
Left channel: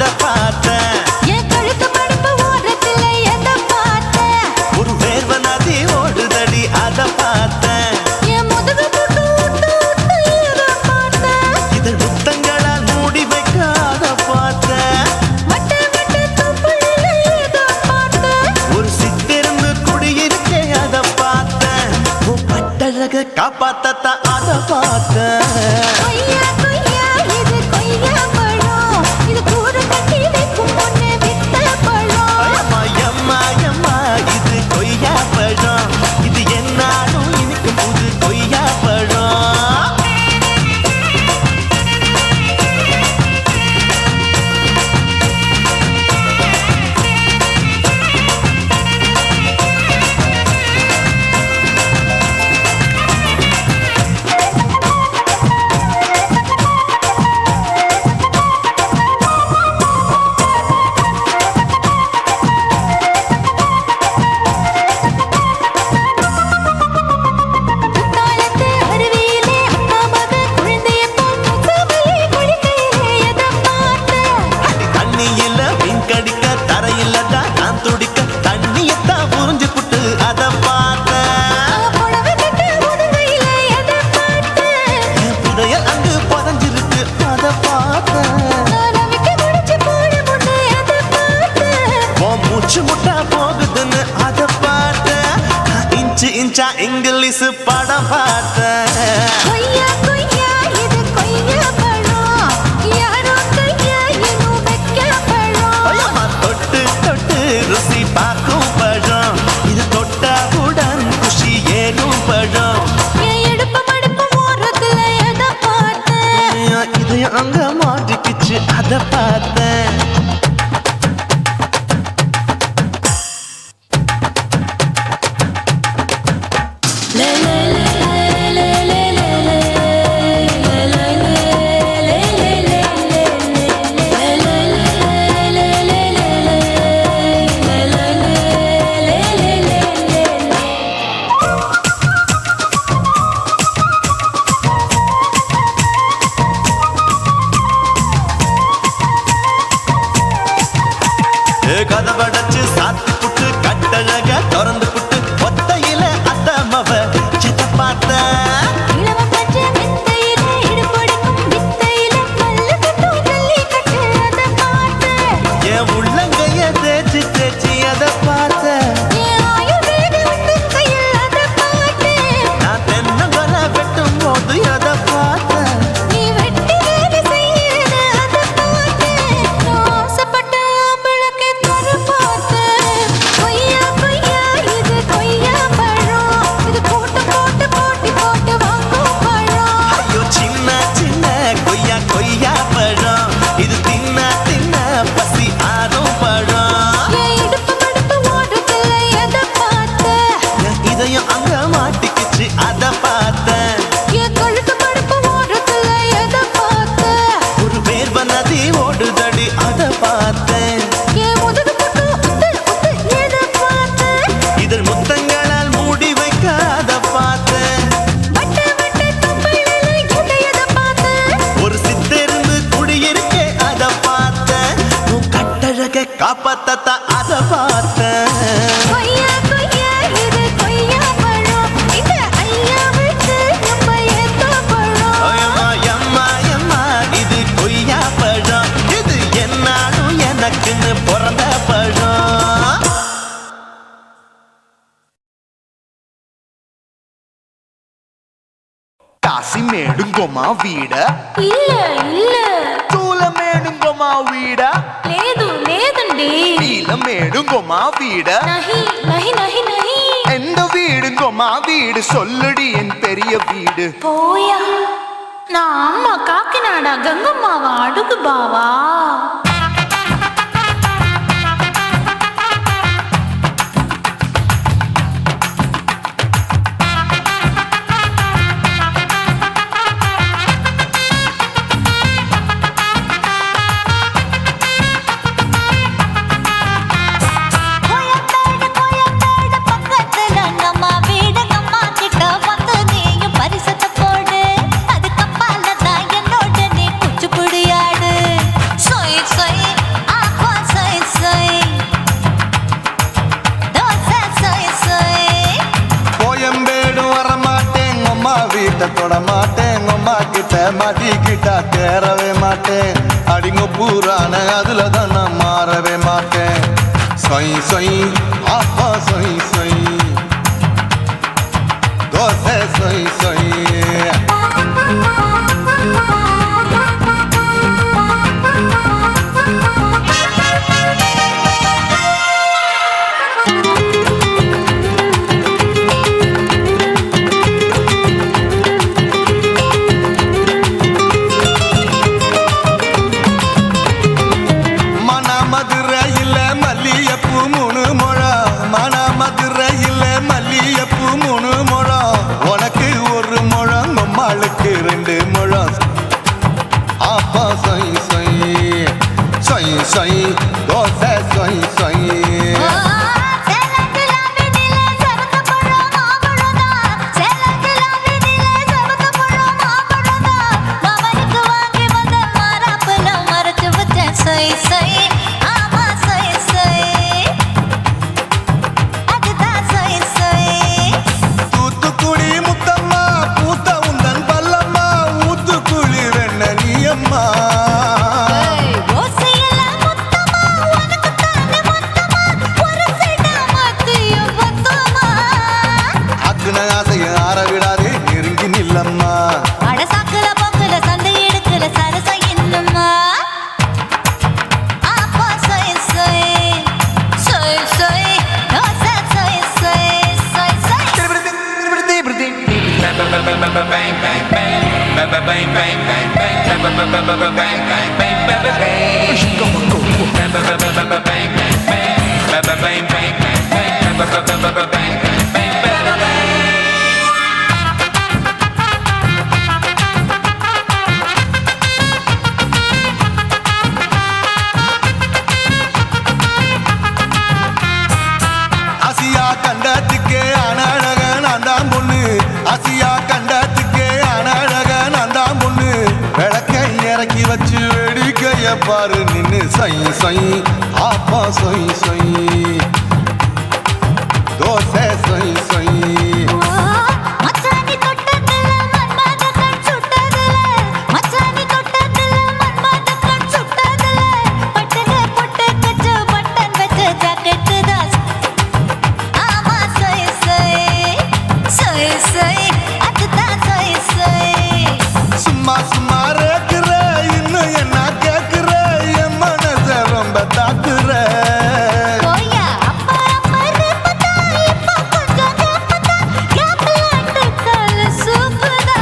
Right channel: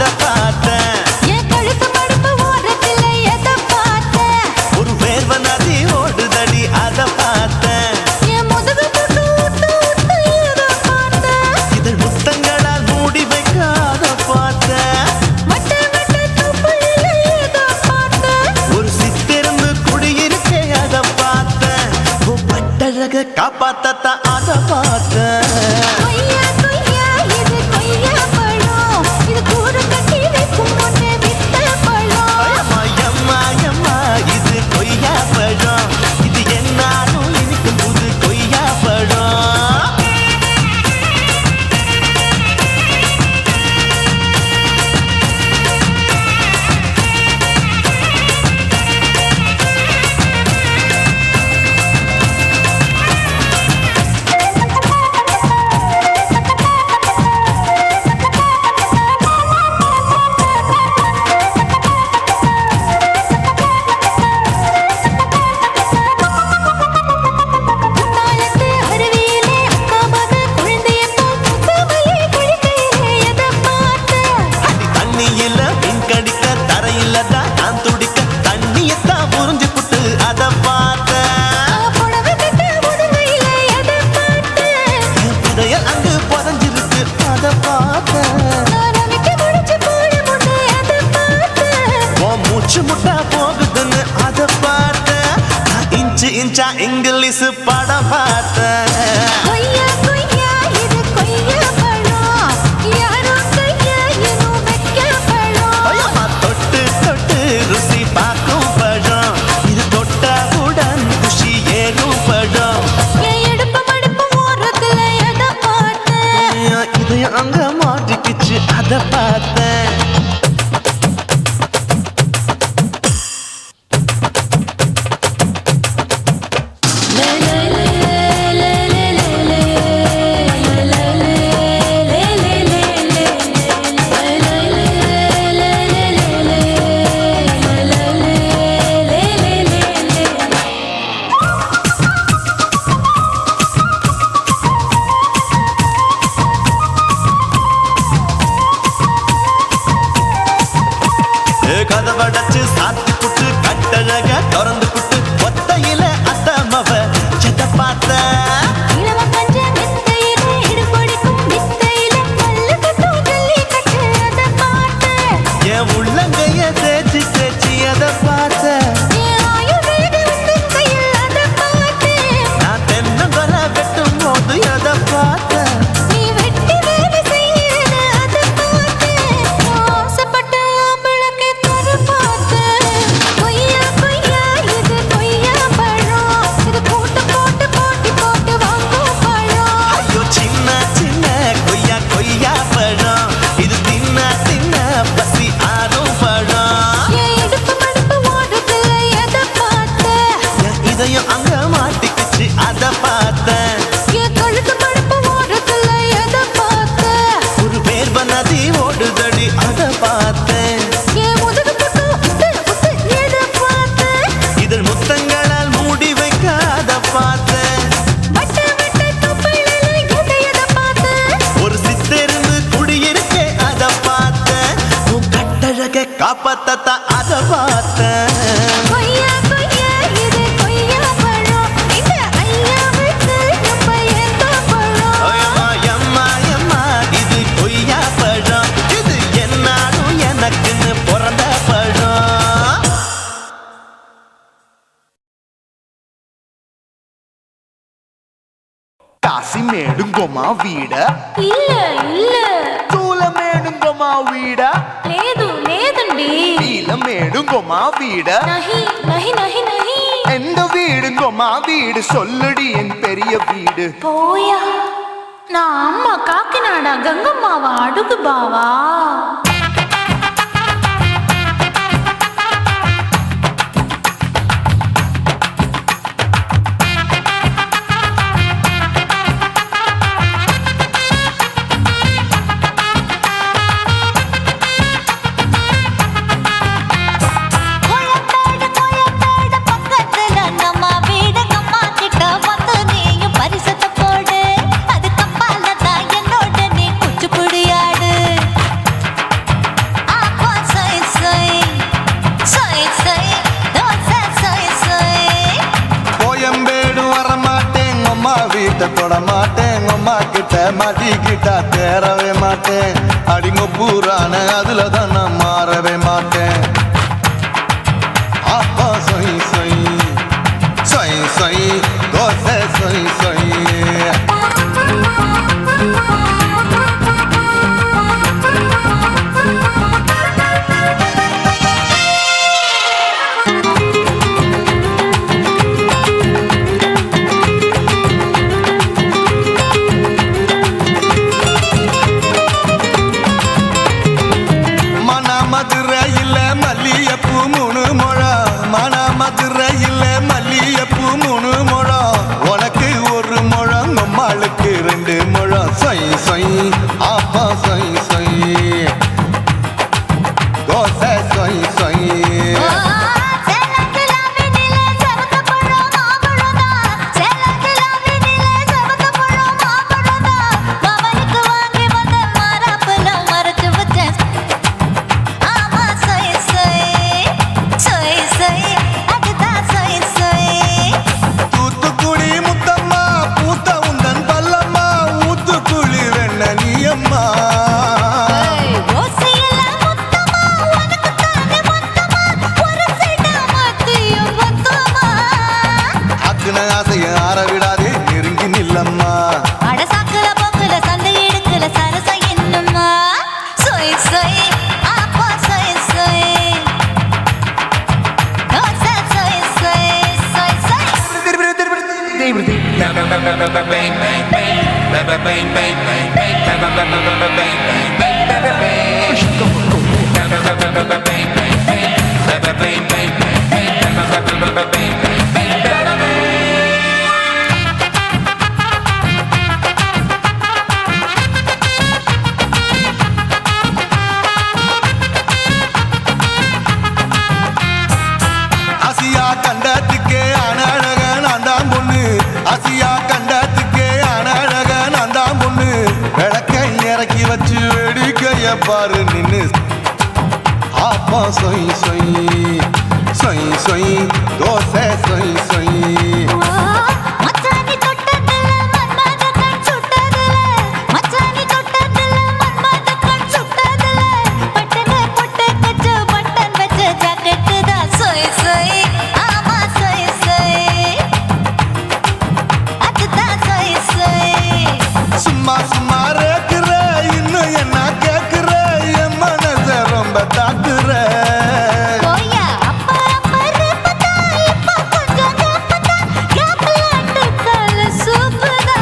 அத பார்த்தேன். என் கழுத்து மடுப்பு ஓரத்துல எதை பார்த்தேன்? ஒரு வேர்வ நதி ஓடுதடி அத பார்த்தேன். என் முதுகு புட்டு ஊத்து ஊத்து எதை பார்த்தேன்? இதழ் முத்தங்களால் மூடி வைக்க அத பார்த்தேன். வட்ட வட்ட தொப்புளில எதை பார்த்தேன்? ஒரு சித்திருந்து குடியிருக்கே அத பார்த்தேன். உன் பட்டழக காப்பாத்தத்தான் அத பார்த்தேன். கொய்யா கொய்யா இது கொய்யா பழம், இது கூறு கட்டி வைக்கும் முன்னே வித்த பழம். அம்மா அம்மா அம்மா இது கொய்யா பழம், இது என்னாலும் இனிக்கும் புது கொய்யா பழம். குத்தாலத்து அருவியிலே அக்கா மக குழந்தைய போல் முகமலே குளிக்கையிலே எதை பார்த்தேன்? அடி தண்ணியில மீன் கடிக்க தரையில தான் நான் துடிக்க தண்ணியத்தான் புரிஞ்சு புட்டு அத பார்த்தேன். புடவை கட்ட முதுகையில எதை பார்த்தேன்? என் புதையல் அங்கு புதஞ்சிருக்கு அத பார்த்தேன். நான் ரவிக்கு முடிச்சு போட முன்னே எதை பார்த்தேன்? உன் மூச்சு முட்டா போகுதுன்னு அத பார்த்தேன். நான் இன்ச்சு இன்ச்சா இங்கிலீஷ் படம் பார்த்தேன். கொய்யா கொய்யா இது கொய்யா பழம், யாரோ கையா இன்னும் வைக்க பழம். ஐயம்மா தொட்டு தொட்டு ருசி பார்க்கும் பழம், இது தொட்டவுடன் குஷி ஏறும் பழம். என் இடுப்பு மடுப்பு ஓரத்துல எதை பார்த்தேன்? இதையும் அங்க மாட்டிக்கிச்சு அத பார்த்தேன். கதவடைச்சு சாத்தி புட்டு கட்டழக திறந்து புட்டு ஒத்தையில அத்தமவ செத்த பார்த்த. இளவ பஞ்ச மெத்தையில இடுப்படிக்கும் வித்தையில மல்லு கட்டும் ஜல்லி கட்டு அதை பார்த்தேன். என் உள்ளங்கைய தேய்ச்சி தேய்ச்சி அத பார்த்த. என் ஆயுர்வேத உந்தன் கையில் அதை பார்த்தேன். நான் தென்னங்கொலை வெட்டும் போது அத பார்த்த. நீ வெட்டி வேலை செய்யறது அதை பார்த்தேன். நான் ஆசைப்பட்ட ஆம்பளுக்கு தர பார்த்தேன். கொய்யா கொய்யா இது கொய்யா பழம், இது கூட்டு போட்டு போட்டி போட்டு வாங்கும் பழம். ஐயோ சின்ன சின்ன கொய்யா கொய்யா பழம், இது தின்ன தின்ன பசி ஆறும் பழம். என் இடுப்பு மடுப்பு ஓரத்துல எதை பார்த்தேன்? என் இதயம் அங்க மாட்டிக்கிச்சு அத பார்த்தேன். என் கழுத்து மடுப்பு ஓரத்துல எதை பார்த்தேன்? ஒரு வேர்வ நதி ஓடுதடி அத பார்த்தேன். என் முதுகு புட்டு உத்து உத்து எதை பார்த்தேன்? இதழ் முத்தங்களால் மூடி வைக்க அத பார்த்தேன். வட்ட வட்ட தொப்புளில எதை பார்த்தேன்? ஒரு சித்திருந்து குடியிருக்கே அத பார்த்தேன். உன் கட்டழக காப்பாத்தத்தான் அத பார்த்தேன். கொய்யா கொய்யா இது கொய்யா பழம், இந்த ஐயாவுக்கு ரொம்ப ஏத்த பழம். அம்மா அம்மா அம்மா இது கொய்யா பழம், இது என்னாலும் எனக்குன்னு பிறந்த பழம். కాశీమేడుంగోమా వీడ இல்ல இல்ல చూలమేడుంగోమా వీడ లేదు లేదండి నీలమేడుంగోమా వీడ நஹி நஹி நஹி நஹி எந்த வீடுங்கோமா வீடு சொல்லுடி என் பெரிய வீடு போயா நான் அம்மா காக்கிநாடா கங்கம்மாவா அடுகு பாவா பரிசத்தை போடு, அது கப்பால தான் என்னோட நீ குச்சிப்புடியாடு. சொய் சொய் வீட்டை தொட மாட்டேன் அம்மா கிட்ட மாட்டிக்கிட்டா தேரவே மாட்டேன் அடிங்க பூரான அதுல தான் நான் மாறவே மாட்டேன் சொய் சொய் அப்பா சொய் சொய் சொய் சொய் தோசை சொய் சொய் மதுரையில் மல்லியப்பூ 3 முழம் மன மதுரையில் மல்லியப்பூ 3 முழம் உனக்கு 1 முழம் அம்மாளுக்கு 2 முழம் சொய் சொய் அப்பா சொய் சொய் சொய் சொய் தோசை சொய் சொய் ஆசைய ஆற விடாதே நெருங்கி நில்லம்மா அடசாக்குல போக்குல சந்தை எடுக்கல சரச என்னம்மா சொய் சொய் அப்பா சொய் சொய் சொய் சொய் தோசை சொய் சொய் சொய் சொய் ஆசியா கண்டத்துக்கே அனழக நான் தான் பொண்ணு ஆசியா கண்டத்துக்கே அனழக நான் தான் பொண்ணு விளக்கை இறக்கி வச்சு வேடிக்கைய பாரு நின்னு சொய் சொய் அப்பா சொய் சொய் சொய் சொய் தோசை சொய் சொய் மச்சானி தொட்டதுல மன்மத கண் சுட்டதுல மச்சானி தொட்டதுல மன்மத கண் சுட்டதுல பட்டன பொட்டு கச்சு பட்டன் வச்ச ஜாக்கெட் தான் சொய் சொய் ஆமா சொய் சொய் சொய் சொய் அதுதான் சொய் சொய் சும்மா சும்மா ரேக்குற இன்னும் என்ன கேக்குற என் மனச ரொம்ப தாக்குற போயா அப்பா அப்பா ரப்பதா இப்ப கொஞ்சம் ரப்பதா கேப்லாட்டு கால சூப்பதா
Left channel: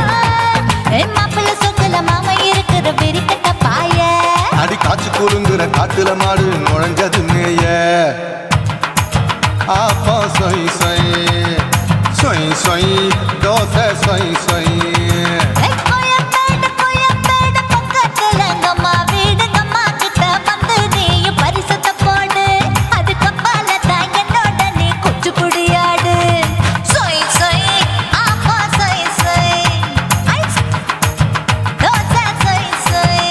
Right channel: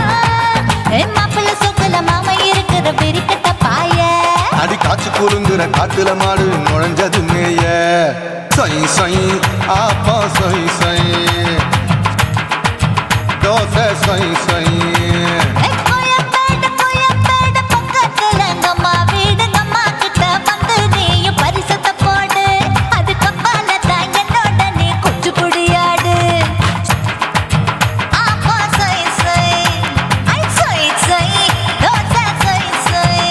ஏ மாப்பிள்ள சொக்கல மாமா இருக்கிற வெறிக்கட்ட பாய அடி காய்ச்சி குலுங்குற காட்டுல மாடு நுழைஞ்சது மேய சொய் சொய் அப்பா சொய் சொய் சொய் சொய் தோசை சொய் சொய் கோயம்பேடு பக்கத்துல எங்கம்மா வீடு அம்மா கிட்ட வந்து நீயும் பரிசத்தை போடு அதுக்கு அப்பால தான் என்னோட நீ குச்சி புடியாடு சொய் சொய் அப்பா சொய் சொய் ஐ சொய் சொய் தோசை சொய் சொய்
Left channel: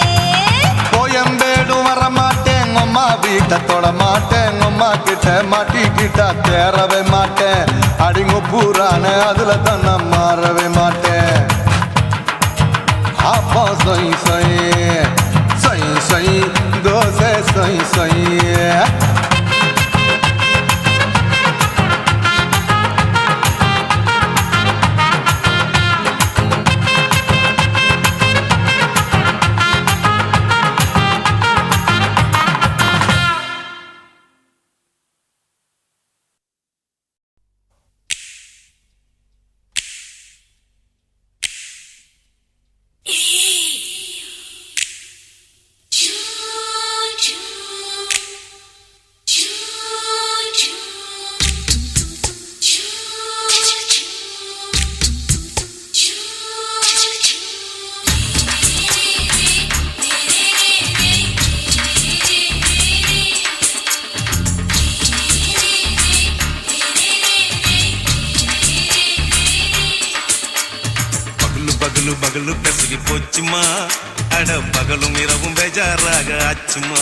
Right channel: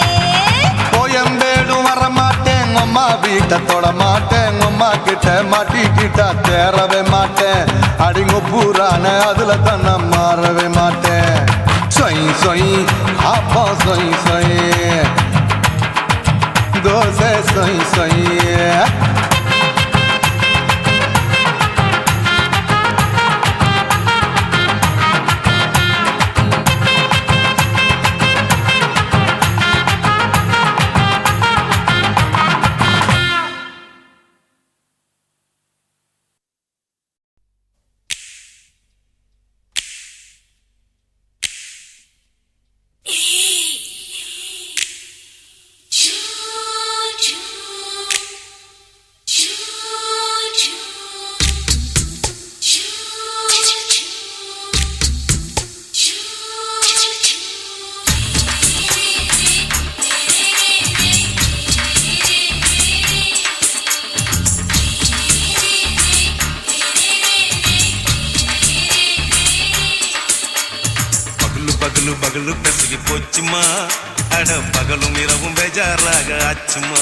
கோயம்பேடு வர மாட்டேன் அம்மா வீட்டை தொட மாட்டேன் அம்மா கிட்ட மாட்டிக்கிட்டா தேரவே மாட்டேன் அடிங்க பூரான அதுல தான் நான் மாறவே மாட்டேன் சொய் சொய் அப்பா சொய் சொய் சொய் சொய் தோசை சொய் சொய் பகலு பகலு பெசகி போச்சுமா அட பகலும் இரவும் பேஜாராக ஆச்சுமா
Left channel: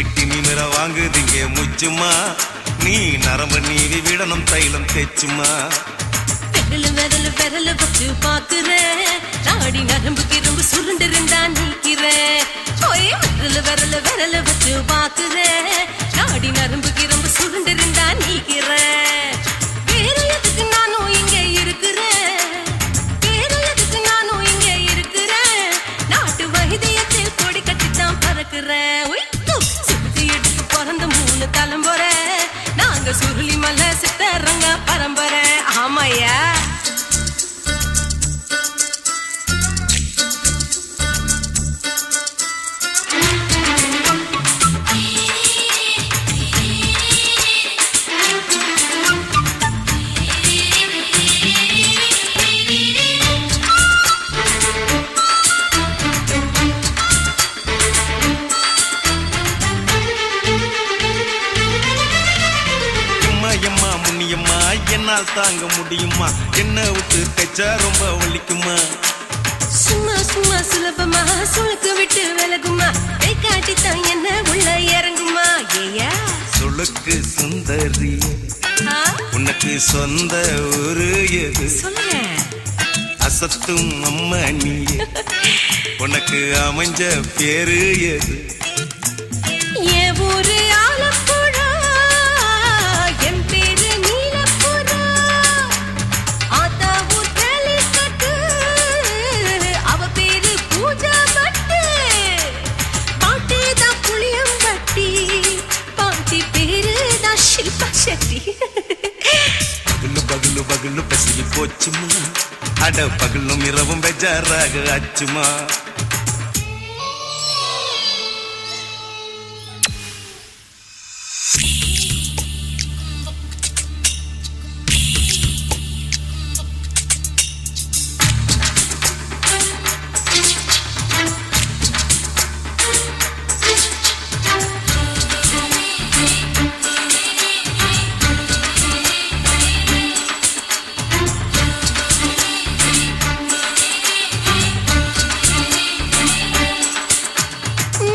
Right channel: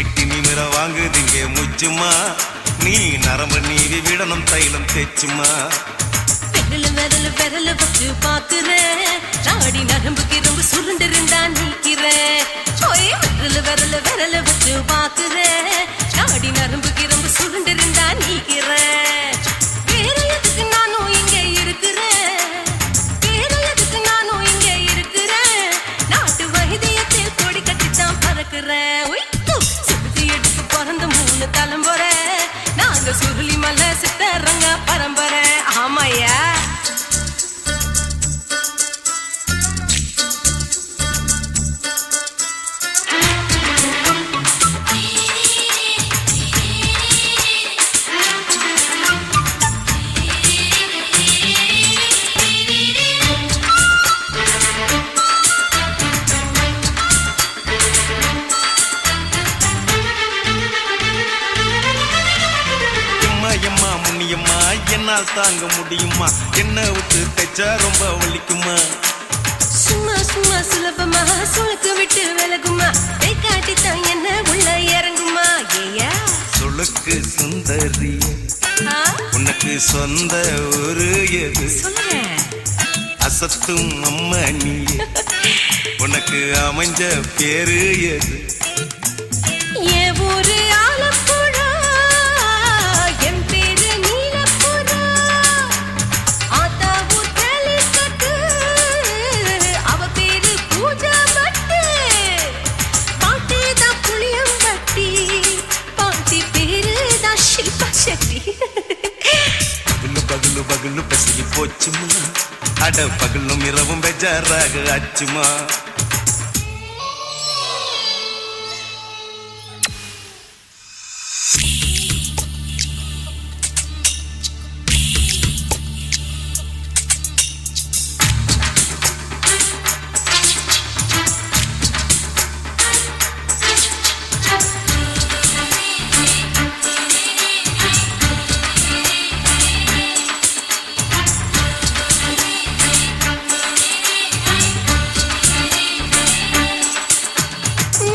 எட்டி நிமிர வாங்குதிங்க முச்சுமா நீ நரம்பு நீவி விடணும் தைலம் தேச்சுமா விரல் விரல் விரல் வச்சு பாக்குறேன் நாடி நரம்பு கிரம்பு சுருண்டு இருந்தா நீக்கிறேன் விரல் விரல் விரல் வச்சு பாக்குறேன் நாடி நரம்பு கிரம்பு சுருண்டு இருந்தா நீக்கிறேன் வேற எதுக்கு நானும் இங்க இருக்கிறேன் வேற எதுக்கு நானும் இங்க இருக்கிறேன் நாட்டு வைத்தியத்தில் கொடி கட்டித்தான் பறக்கிறேன் சுத்தி எடுத்து பிறந்த 3 தலைமுறை நாங்க சுருளி மலை சித்தரங்க பரம்பரை ஆமையா எம்மா முன்னியம்மா என்னால் தாங்க முடியுமா என்ன விட்டு தைச்சா ரொம்ப வலிக்குமா சும்மா சும்மா சுலபமா சுளுக்கு விட்டு விலகுமா கை காட்டித்தான் என்ன உள்ள இறங்குமா ஏயா சுளுக்கு சுந்தரி உனக்கு சொந்த ஊரு எது சொல்றேன் அசத்தும் அம்மா நீ உனக்கு அமைஞ்ச பேரு எது என் ஊரு ஆலப்புழா என் பேரு நீலப்புறா ஆத்தா ஊர் கேலிக்கட்டு அவ பேரு பூஜா பட்டு பாட்டி தான் புளியம்பட்டி பாட்டி பேரு தான் ஷில்பா செட்டி பகலு பகலு பகலு பசிக்கு போச்சுமா அட பகலும் இரவும் பெஜாராக ஆச்சுமா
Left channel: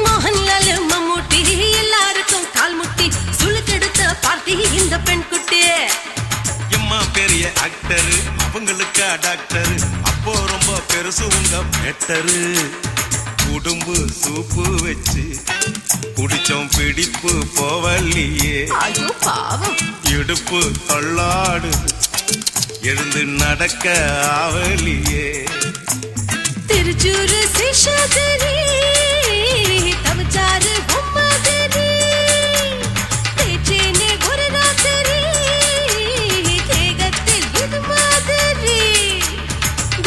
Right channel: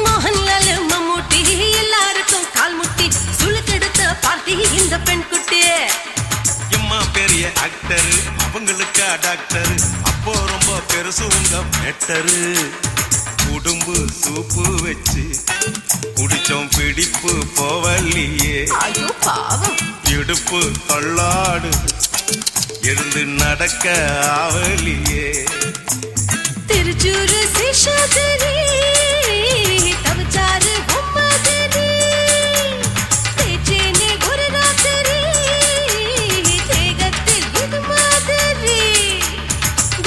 மோகன்லால் மம்மூட்டி எல்லாருக்கும் கால் முட்டி சுளுக்கெடுத்த பார்ட்டி இந்த பெண் குட்டி எம்மா பெரிய ஆக்டரு அவங்களுக்கா டாக்டரு அப்போ ரொம்ப பெருசு உங்க மேட்டரு உடும்பு சூப்பு வச்சு குடிச்சோம் பிடிப்பு போவல்லையே ஐயோ பாவம் இடுப்பு தள்ளாடு எழுந்து நடக்க ஆவலியே திருச்சூரு சிஷாதிரி தவச்சாரு பொம்மதிரி தேச்சேனே ஒரு ராத்திரி தேகத்தில் இது மாதிரி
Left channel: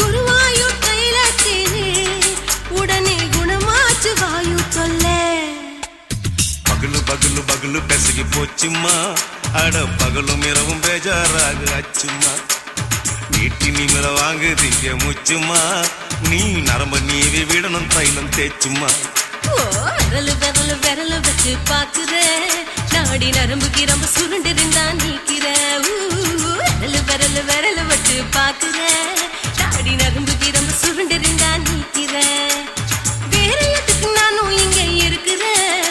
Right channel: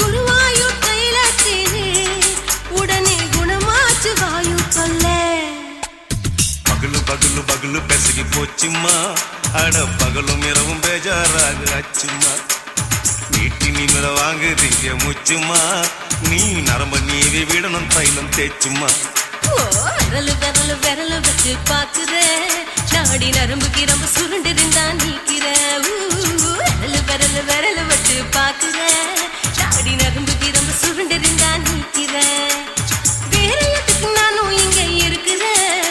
குருவாயூர் கைலாத்தினே உடனே குணமாச்சு வாயு சொல்ல பகலு பகலு பகலு பெசகி போச்சுமா அட பகலும் இரவும் பேஜாராக ஆச்சுமா நீட்டி நீங்கள வாங்குதீங்க முச்சுமா நீ நரம்ப நீவி விடணும் தைலம் தேய்ச்சுமா விரல் விரல் விரல் வச்சு பாக்குறேன் நாடி நரம்பு கிரம்பு சுருண்டு இருந்தா நீக்கிறேன் விரல் விரல் விரல் வச்சு பாக்குறேன் நாடி நரம்பு கிரம்பு சுருண்டு இருந்தா நீக்கிறேன் வேற எதுக்கு நானும் இங்க இருக்கிறேன்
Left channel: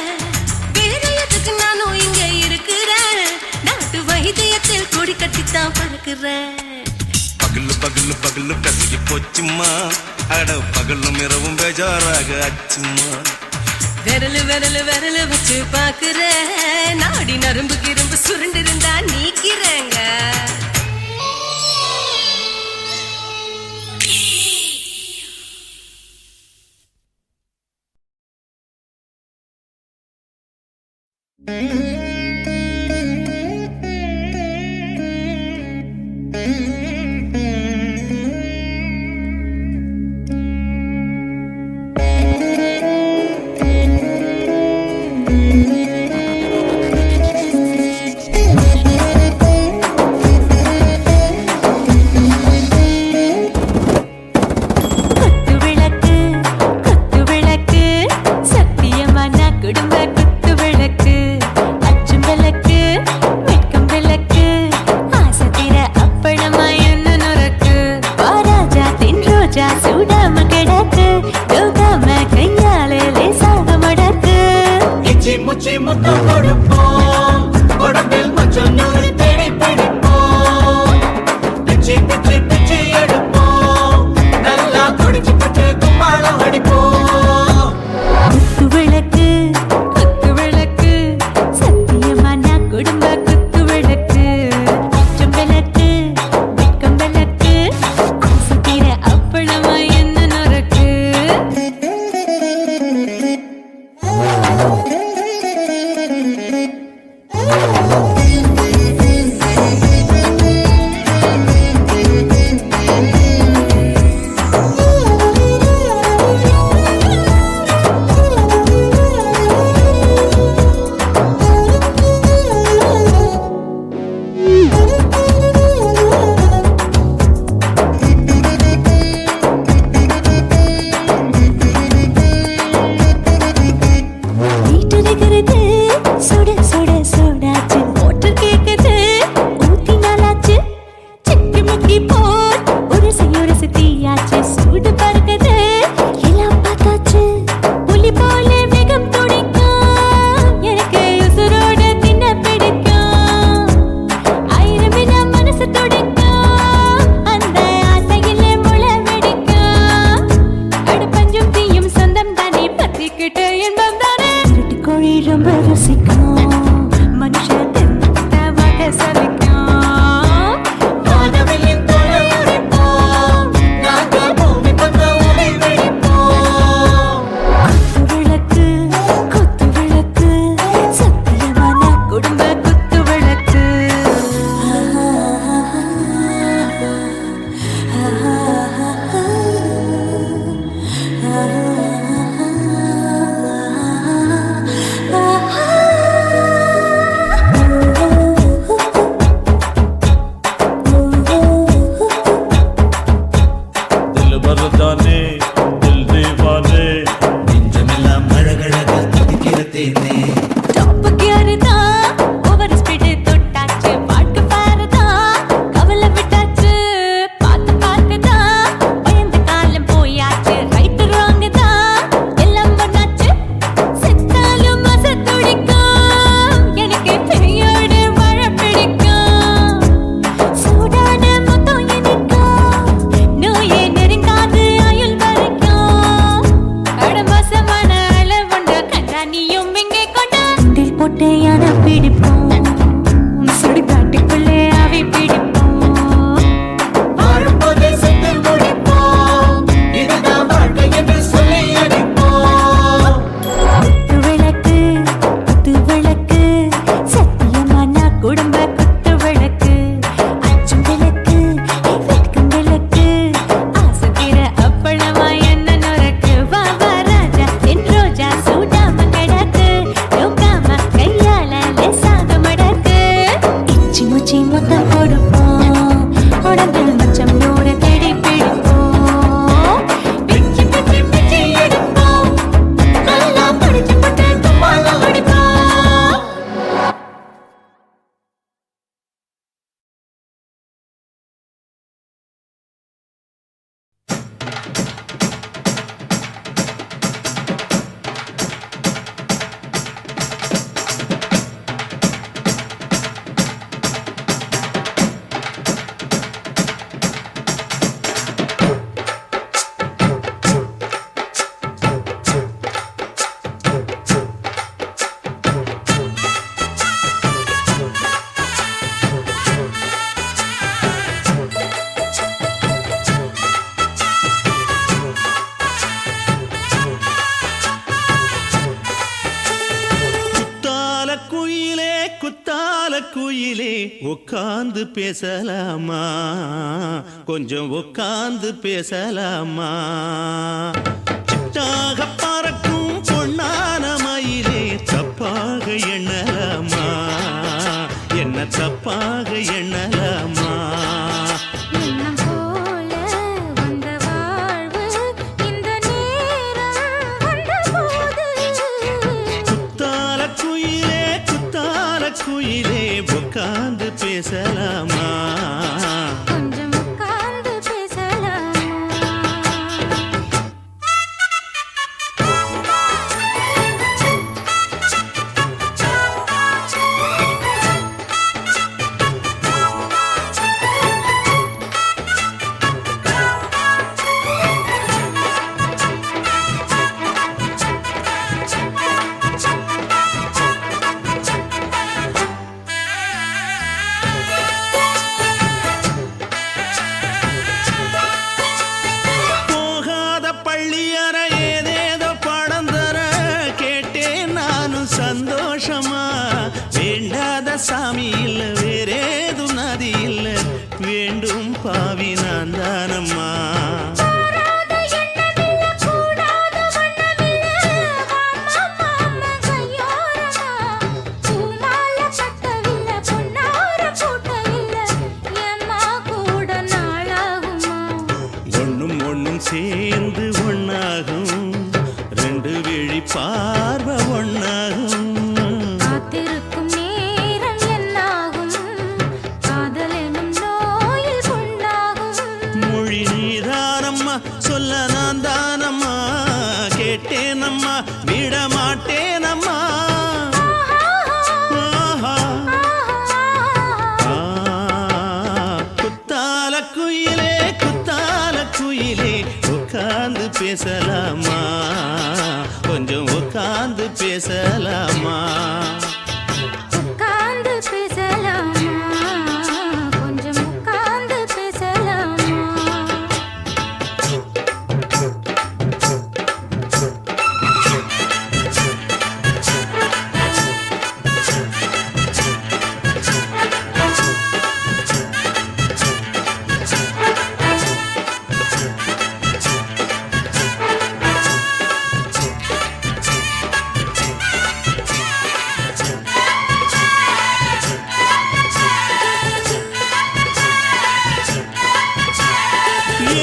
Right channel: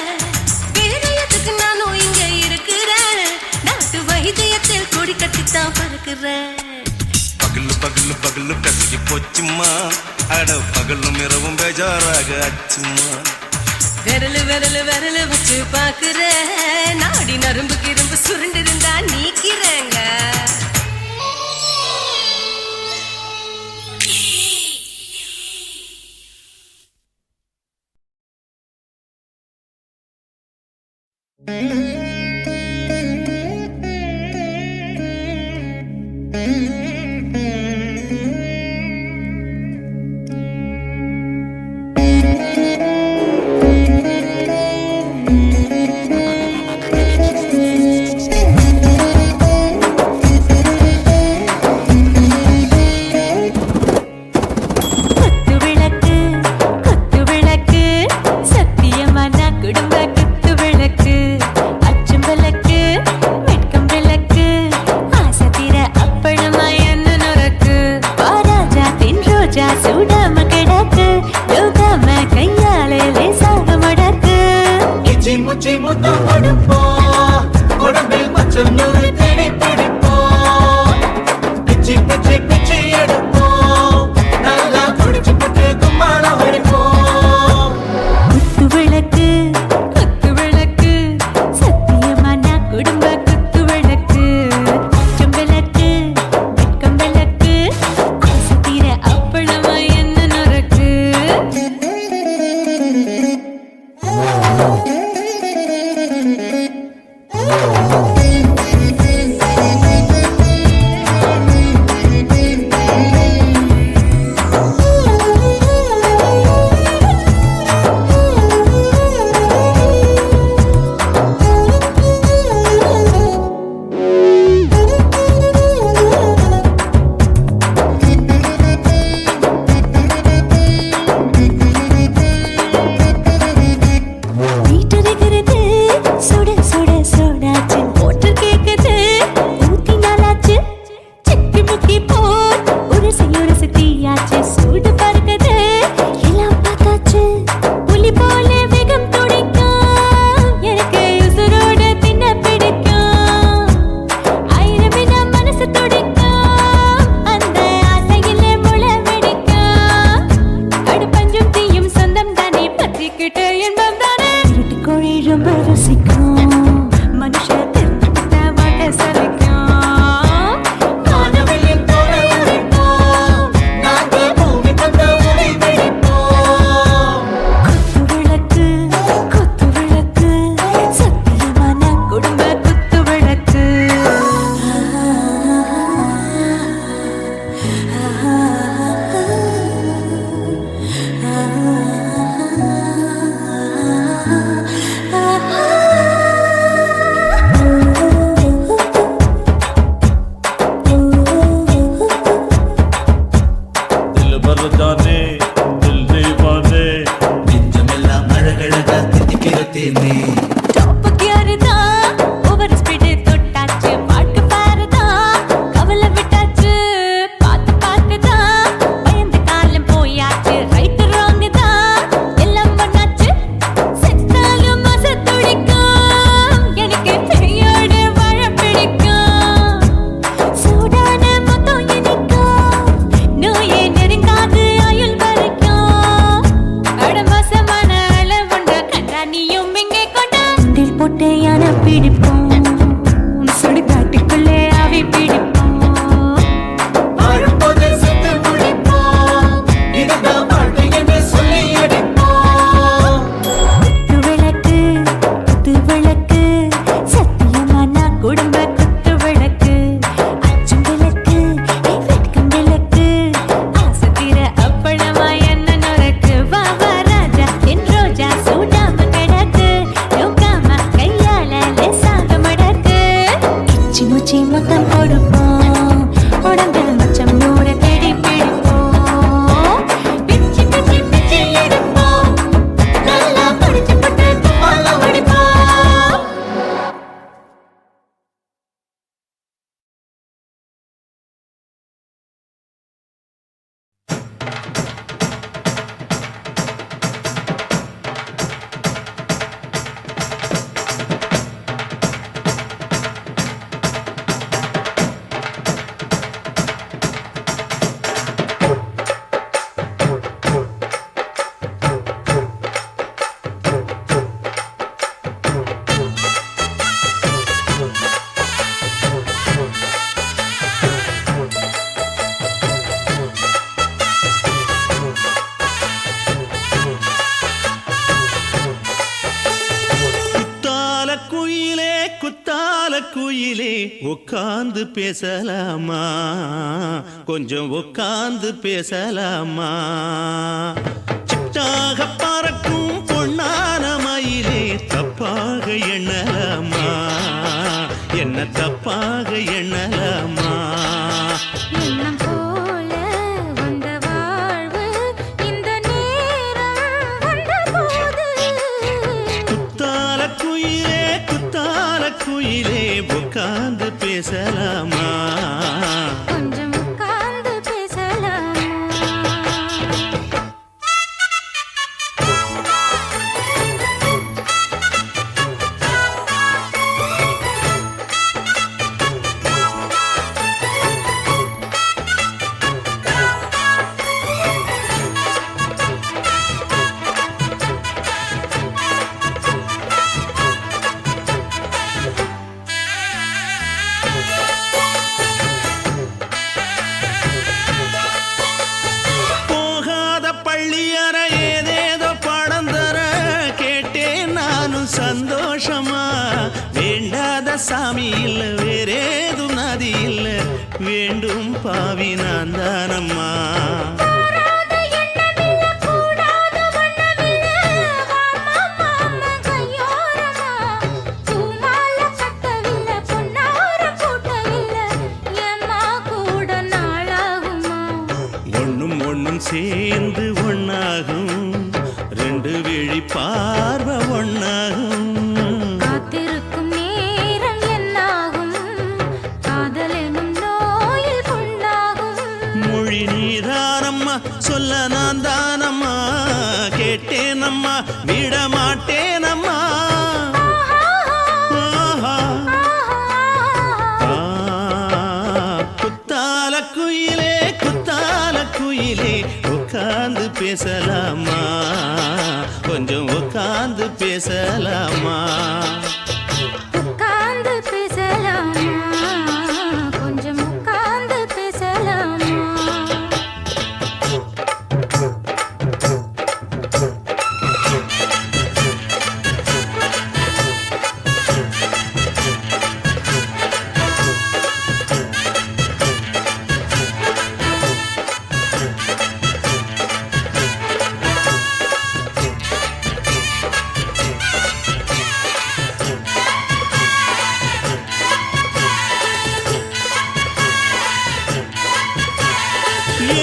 வேற எதுக்கு நானும் இங்க இருக்கிறேன் நாட்டு வைத்தியத்தில் கொடி கட்டித்தான் பறக்கிறேன் பகலு பகலு பகலு பெசகி போச்சுமா அட பகலும் இரவும் பேஜாராக ஆச்சுமா விரல் விரல் விரல் வச்சு பாக்குறேன் நாடி நரம்பு கிரம்பு சுருண்டு இருந்தா நீக்கிறேங்க ரோஜா சூடாம கிடக்கு யோகாம கையாலே லேசாக மடக்கு இச்சி முச்சி முத்தம் கொடுப்போம் உடம்பில் கொஞ்சம் நூறு தேடி பிடிப்போம் பிச்சி பிச்சி சிக்கி முக்கி போர் ஒரு செய்யோட சித்தியாச்சு சூடு பறக்குது எல்லாம் பார்த்தாச்சு புலி போல வேகம் துடிக்கும் எனக்கு உசுரோட தின்ன பிடிக்கும் ஆயிரம் மனசு துடிக்கும் அந்த ஆசையில முளை வெடிக்கும் அடுப்பஞ்சும் தீயும் சொந்தம் தானே பத்திக்கிட்டு இன்பம் தானே இருட்டு கோழி ரொம்ப ருசிக்கும் மனுஷ தெரிஞ்சுக்கிட்ட வாட்ட சலிக்கும் வானவெளியின் தலையுடைப்போம் நாங்கள் பூமி பந்து உடை வெடிப்போம் குத்து விளக்கு சத்தியமான குடும்ப குத்து விளக்கு दिल भर जाने दिल दीवाने நெஞ்சமெல்லாம் அழகழகா துடிக்கிற தேனே டாப் கியர் தான் ஓவர் ஸ்பீடு தொட்டாச்சு பாட்டு பாருதான் கவலை விட்டாச்சு பார்த்து தான் பயந்து காலம் போயாச்சு ரைட் ராங் தான் எல்லாம் பண்ணாச்சு செத்தாலும் மச துடிக்கும் எனக்கு பெரியோட வாழ பிடிக்கும் சூடான மொத்தம் இனிக்கும் நோயே நெருங்காது ஆயுள் வரைக்கும் அடமோசமான அளவுண்ட கண்டா நீயும் இங்கே கொண்டா உண்டில் போட்டு யானை பிடிப்போம் சுடுகாட்டுக்குள்ளே அவை பிடிப்போம் வாழும்போது செத்து முடிப்போம் இதுதான் வாழ்க்கை என்று சொல்லி அடிப்போம் குத்து விளக்கு சத்தியமான குடும்ப குத்து விளக்கு அச்சும் விளக்கு வெட்கம் விளக்கு ஆசை தீர அப்பளமா என்ன நொறுக்கு வா வா ராஜா என் ரோஜா சூடாம கிடக்கு நோக்காம கையால லேசாக மடக்கு இச்சி முச்சி மொத்தம் கொடுப்போம் உடம்பில் மச்சம் நூற தேடி பிடிப்போம் பிச்சி பிச்சி பிச்சி எடுப்போம் நல்லா படிச்சு போட்டு துப்பால அடிப்போம் குத்தால குயிலே உட்கார்ந்து பேசலாமா கொஞ்சம் உட்கார்ந்து பேசலாமா சிட்டாக பறக்கும் பொன்னான மயிலே தப்பாக எண்ணலாமா என்ன தப்பாக எண்ணலாமா எண்ணம் போல வந்த வாழ்வு இந்த நேரம் வந்தபோது குத்தால குயிலே உட்கார்ந்து பேசலாமா கொஞ்சம் உட்கார்ந்து பேசலாமா சந்தோஷமா வேண்டாத சாமி இல்ல வேறேது நதி இல்ல வேண்டும் பாவி நான் தானம்மா ஒண்ணும் சேர்ந்து ஒன்னாகும் ரெண்டு விழி பார்வை ஒன்னாகும் காத்திருக்கும் நேரம் என்னாகும் காதல் எனும் நோயில் கேட்டேனம்மா சொல்ல நான் தானம்மா கேட்டேனம்மா விட மாட்டேனம்மா குத்தால குயிலே குத்தால குயிலே உட்கார்ந்து பேசலாமா கொஞ்சம் உட்கார்ந்து பேசலாமா உட்கார்ந்து பேசலாமா கொஞ்சம் உட்கார்ந்து பேசலாமா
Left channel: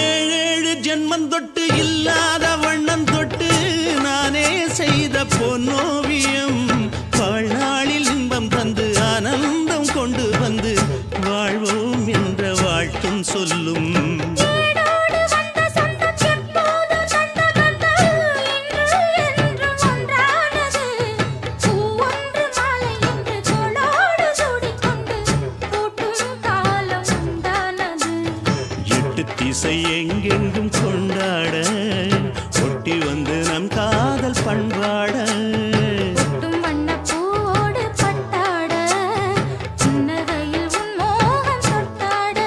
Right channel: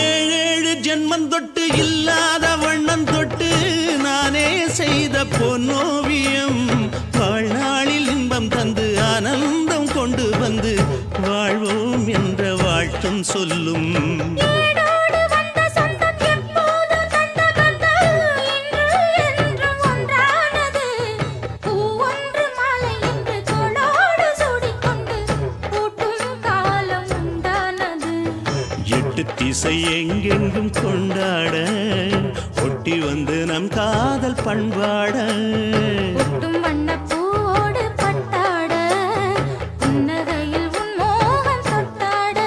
ஏழேழு ஜென்மம் தொட்டு இல்லாத வண்ணம் தொட்டு நானே செய்த பொன்னோவியம் வாழ்நாளில் இன்பம் தந்து ஆனந்தம் கொண்டு வந்து வாழ்வோம் என்ற வாழ்த்தும் சொல்லும் ஏடோடு வந்த சொந்தம் எப்போதும் தந்த பந்தம் இன்று என்றும் ஒன்றானது பூவொன்று மாலை இன்று தோளோடு சூடிக்கொண்டு பூட்டும் காலம் உண்டானது எட்டு திசை எங்கெங்கும் கொண்டாட ஒட்டி வந்து நம் காதல் பண்பாட ஒட்டும் வண்ண பூவோடு பட்டாட புன்னகையில் உன் மோகம் தொட்டாட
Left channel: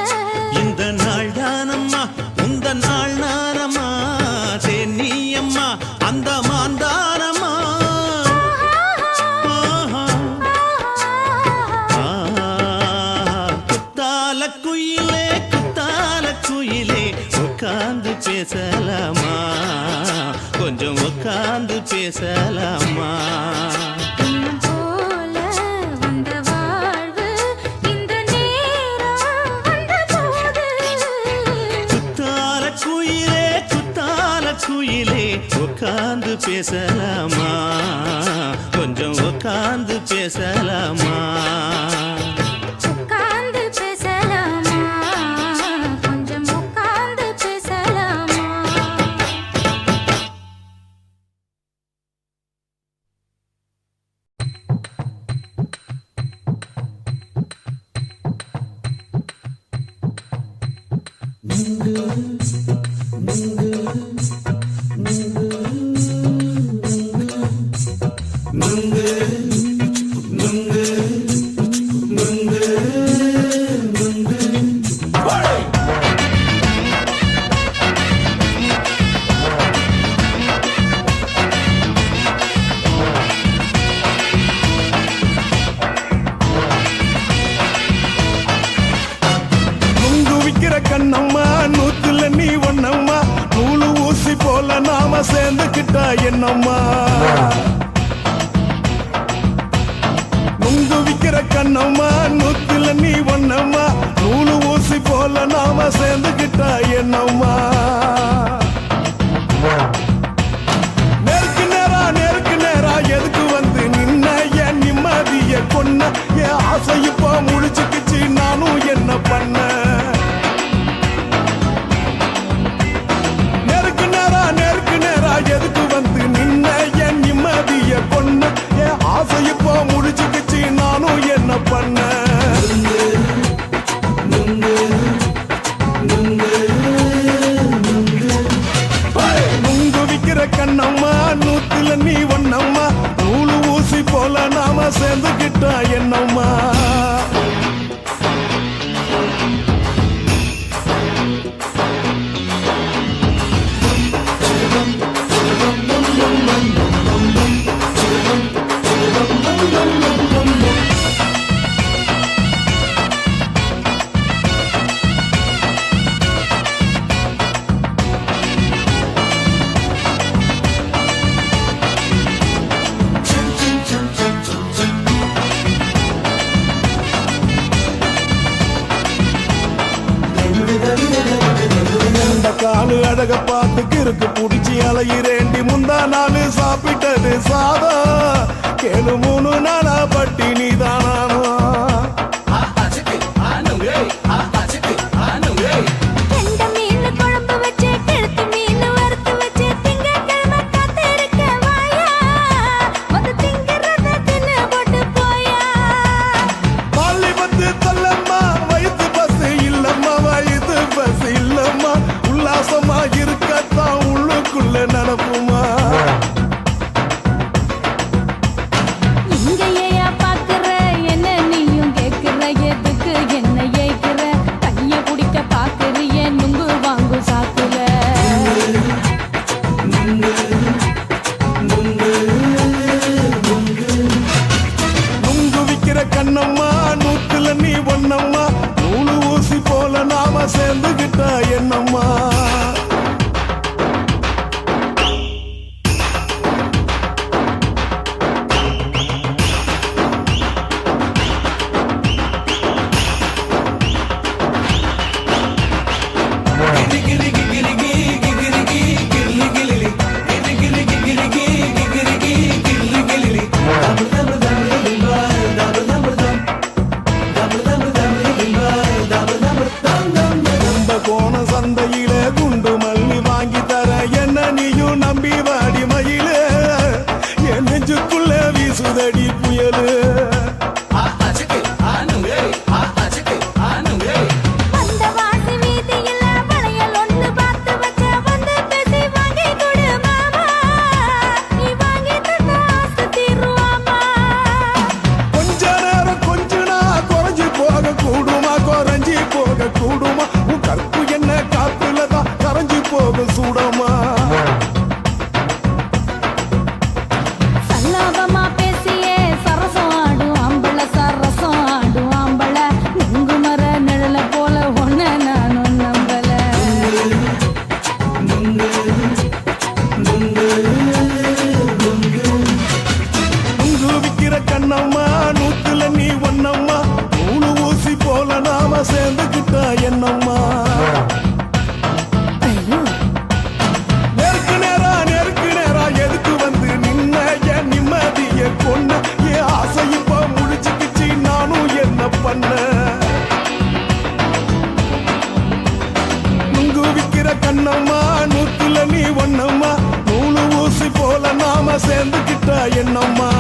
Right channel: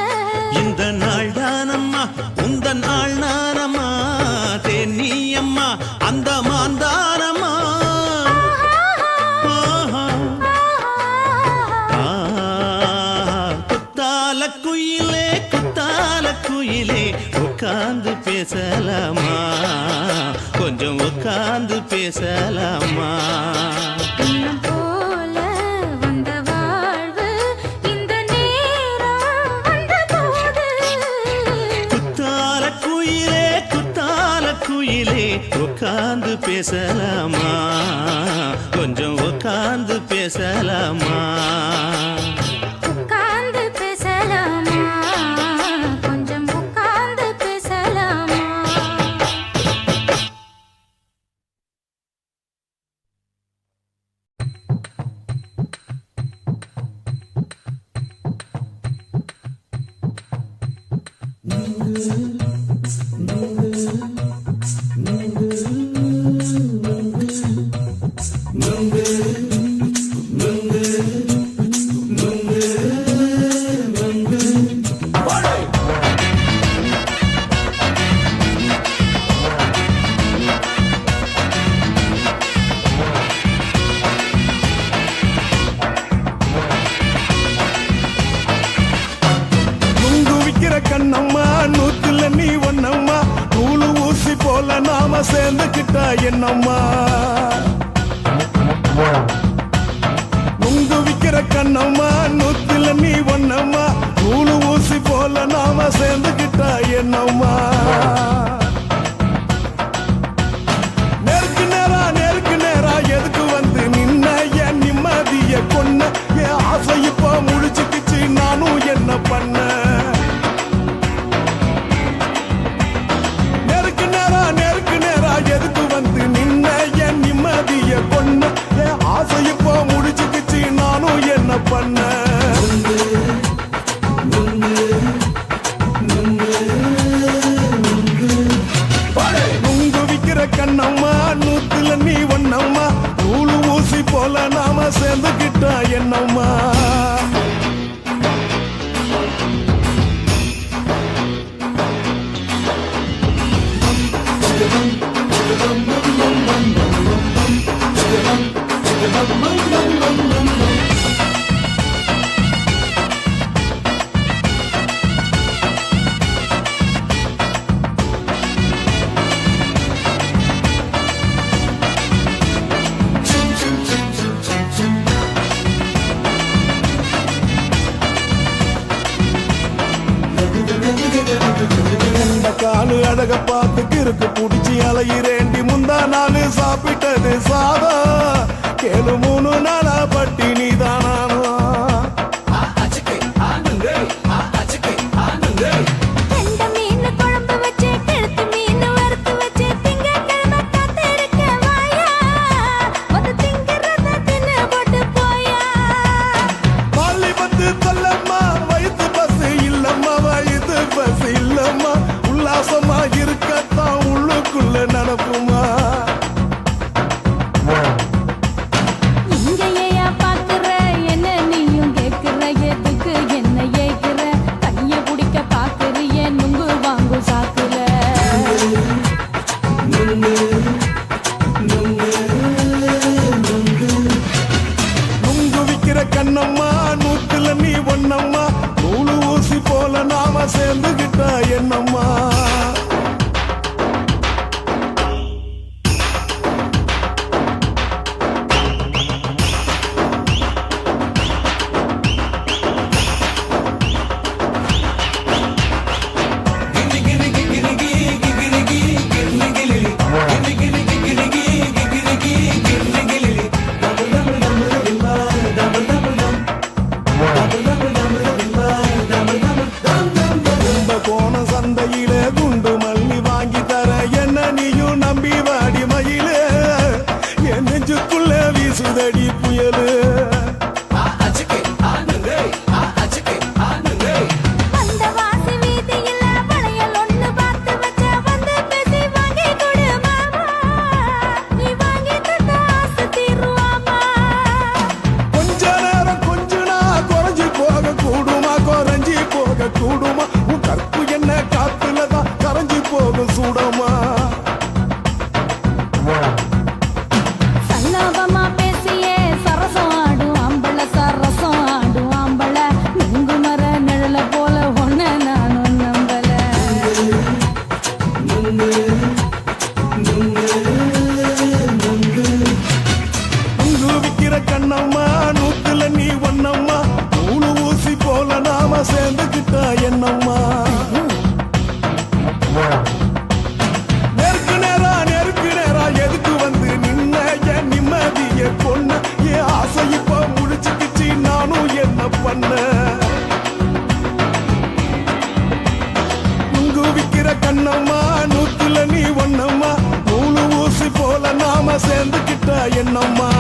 இந்த நாள் தானம்மா உந்த நாள் நானம்மா தென்னியம்மா அந்த மாந்தானம்மா குத்தால குயிலே குத்தால குயிலே உட்கார்ந்து பேசலாமா கொஞ்சம் உட்கார்ந்து பேசலாமா இன்னும் போல வந்த வாழ்வு இந்த நேரம் வந்தபோது குத்தால குயிலே குத்தால குயிலே உட்கார்ந்து பேசலாமா கொஞ்சம் உட்கார்ந்து பேசலாமா உட்கார்ந்து பேசலாமா கொஞ்சம் உட்கார்ந்து பேசலாமா நுங்கு விக்கிற கண்ணம்மா நூத்துல நீ ஒன்னம்மா நூலு ஊசி போல நாம சேர்ந்துக்கிட்டா என்னம்மா நுங்கு விக்கிற கண்ணம்மா நூத்துல நீ ஒன்னம்மா நூலு ஊசி போல நாம சேர்ந்துக்கிட்டா என்னம்மா நேருக்கு நேரா எதுக்கு வந்து நின்ன என் நிம்மதிய கொன்ன என் ஆசை இப்ப முழிச்சுக்கிச்சு நானும் என்ன பண்ண நேருக்கு நேரா எதுக்கு வந்து நின்ன என் நிம்மதிய கொன்ன என் ஆசை இப்ப முழிச்சுக்கிச்சு நானும் என்ன பண்ண நுங்கு விக்கிற கண்ணம்மா நூத்துல நீ ஒன்னம்மா நூலு ஊசி போல நாம சேர்ந்துக்கிட்டா என்னம்மா காலு அழக பார்த்து கிறுக்கு புடிச்சு அலையிறேண்டி முந்தா நாலு சாப்பிட்டது சாதம் கேளு 3 நாளா பட்டினி தானானோ கெண்ட மீன் குழம்பு வச்சு கெடுத்து என்னம்மா கோண சந்தையில குண்டு மல்லி வாங்கி தர என்ன நீயும் நம்பி வாடி மயிலே என் நெஞ்சுக்குள்ள வீசுதடி புயலு அந்த வாசி வீதியில வளையல் ஒண்ணு பார்த்து வச்ச வந்து பேசி வாங்கி கொடு மாமா நீ வாங்கி தந்த ஆசை தீருவாமா கொஞ்ச நேரம் கொஞ்சனா குறைஞ்சி போக கூடுமா குறைஞ்சி போக கூடுமா உன் கற்பு என்ன காத்துலதான் கரைஞ்சி போக சூடமா சல்லாபமா பேசியே சரசம் ஆடும் ஆம்பள சரசம் ஆடும் ஆம்பள நெங்கு மர நிழல போல ஒன்ன நானும் நம்பல நுங்கு விக்கிற கண்ணம்மா நூத்துல நீ ஒன்னம்மா நூலு ஊசி போல நாம சேர்ந்துக்கிட்டா என்னம்மா நெருக்கு நேரா எதுக்கு வந்து நின்ன என் நிம்மதிய கொன்ன என் ஆசை இப்ப முடிச்சுக்கிச்சு நானும் என்ன பண்ண நுங்கு விக்கிற கண்ணம்மா நூத்துல நீ ஒன்னம்மா நூலு ஊசி போல நாம சேர்ந்துக்கிட்டா என்னம்மா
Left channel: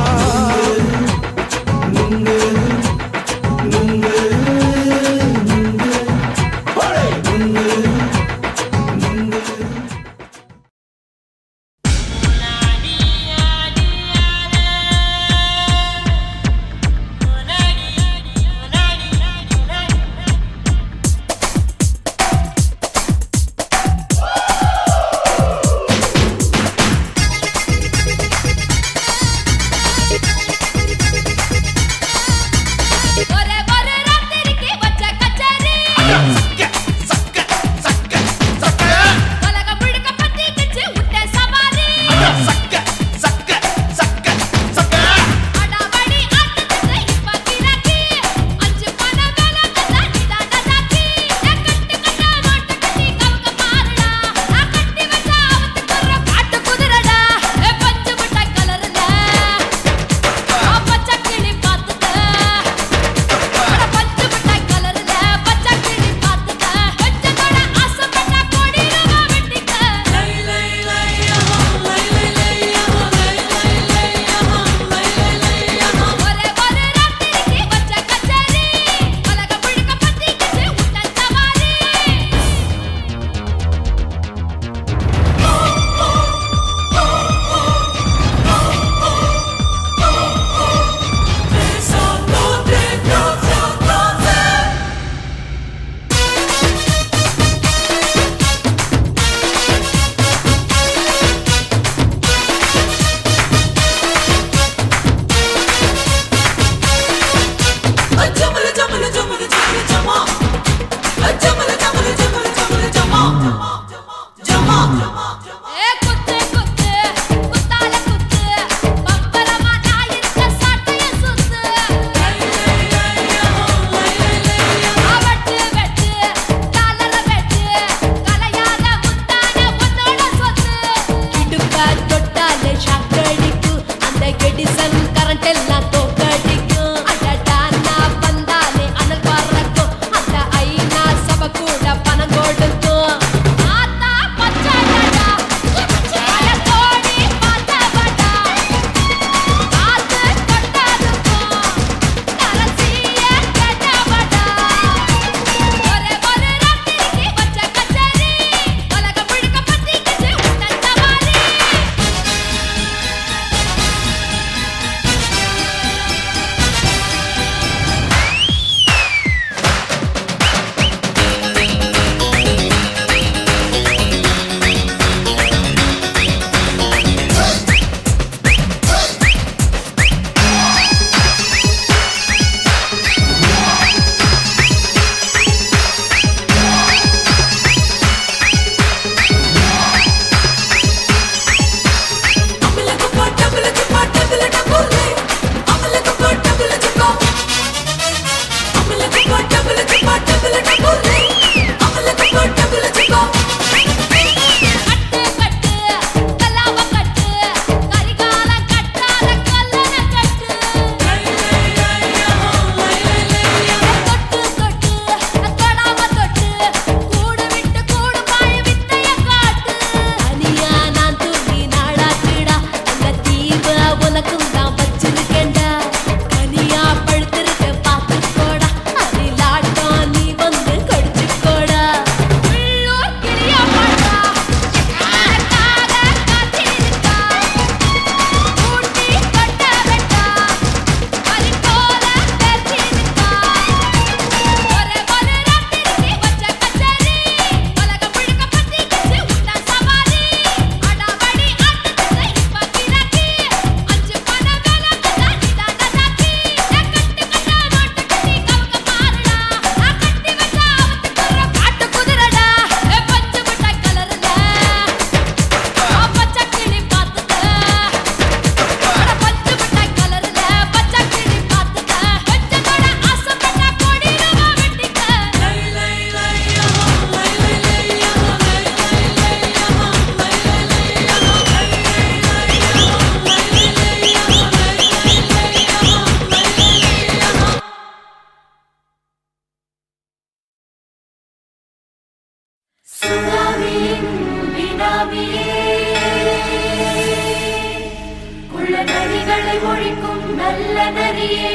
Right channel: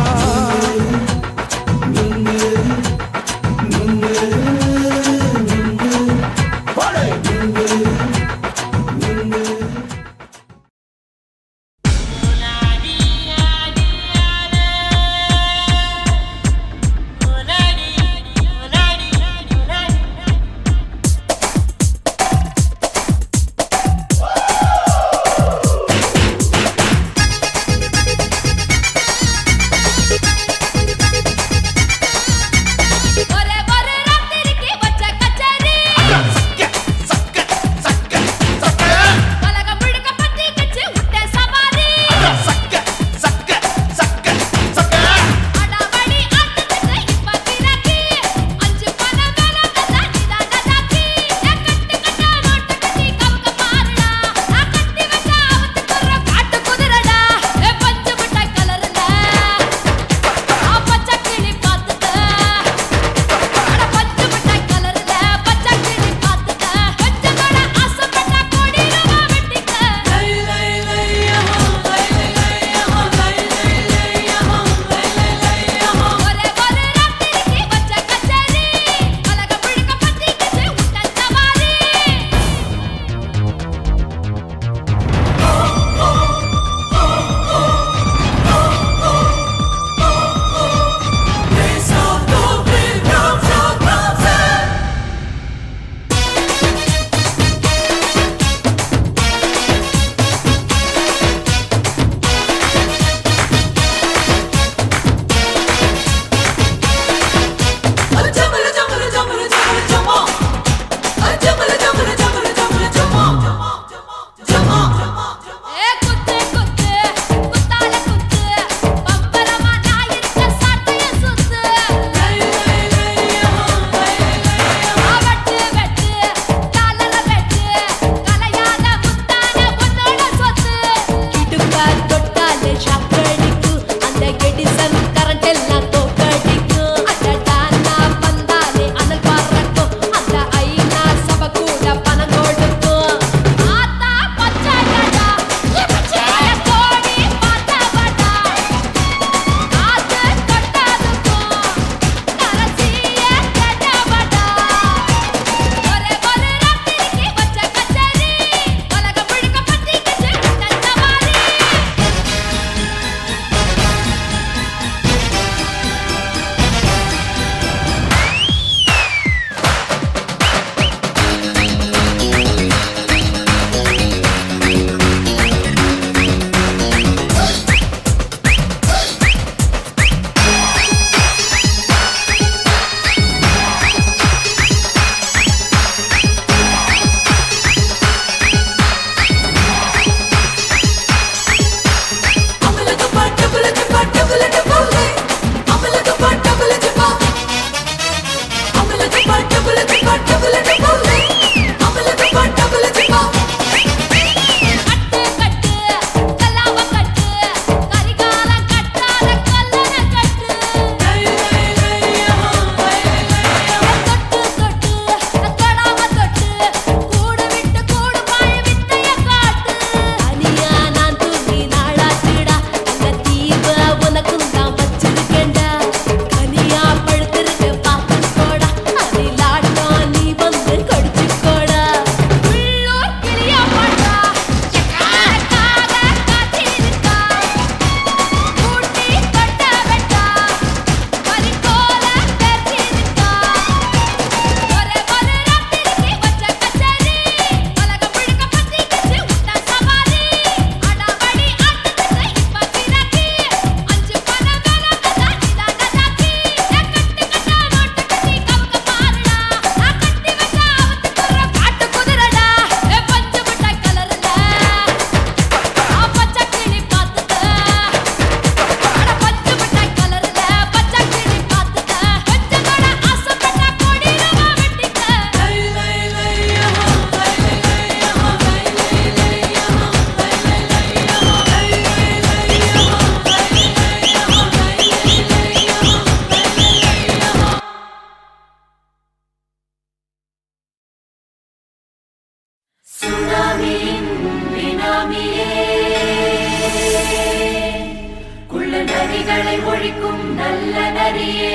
நரிகளை ஒழிக்கும் நல்ல நரியே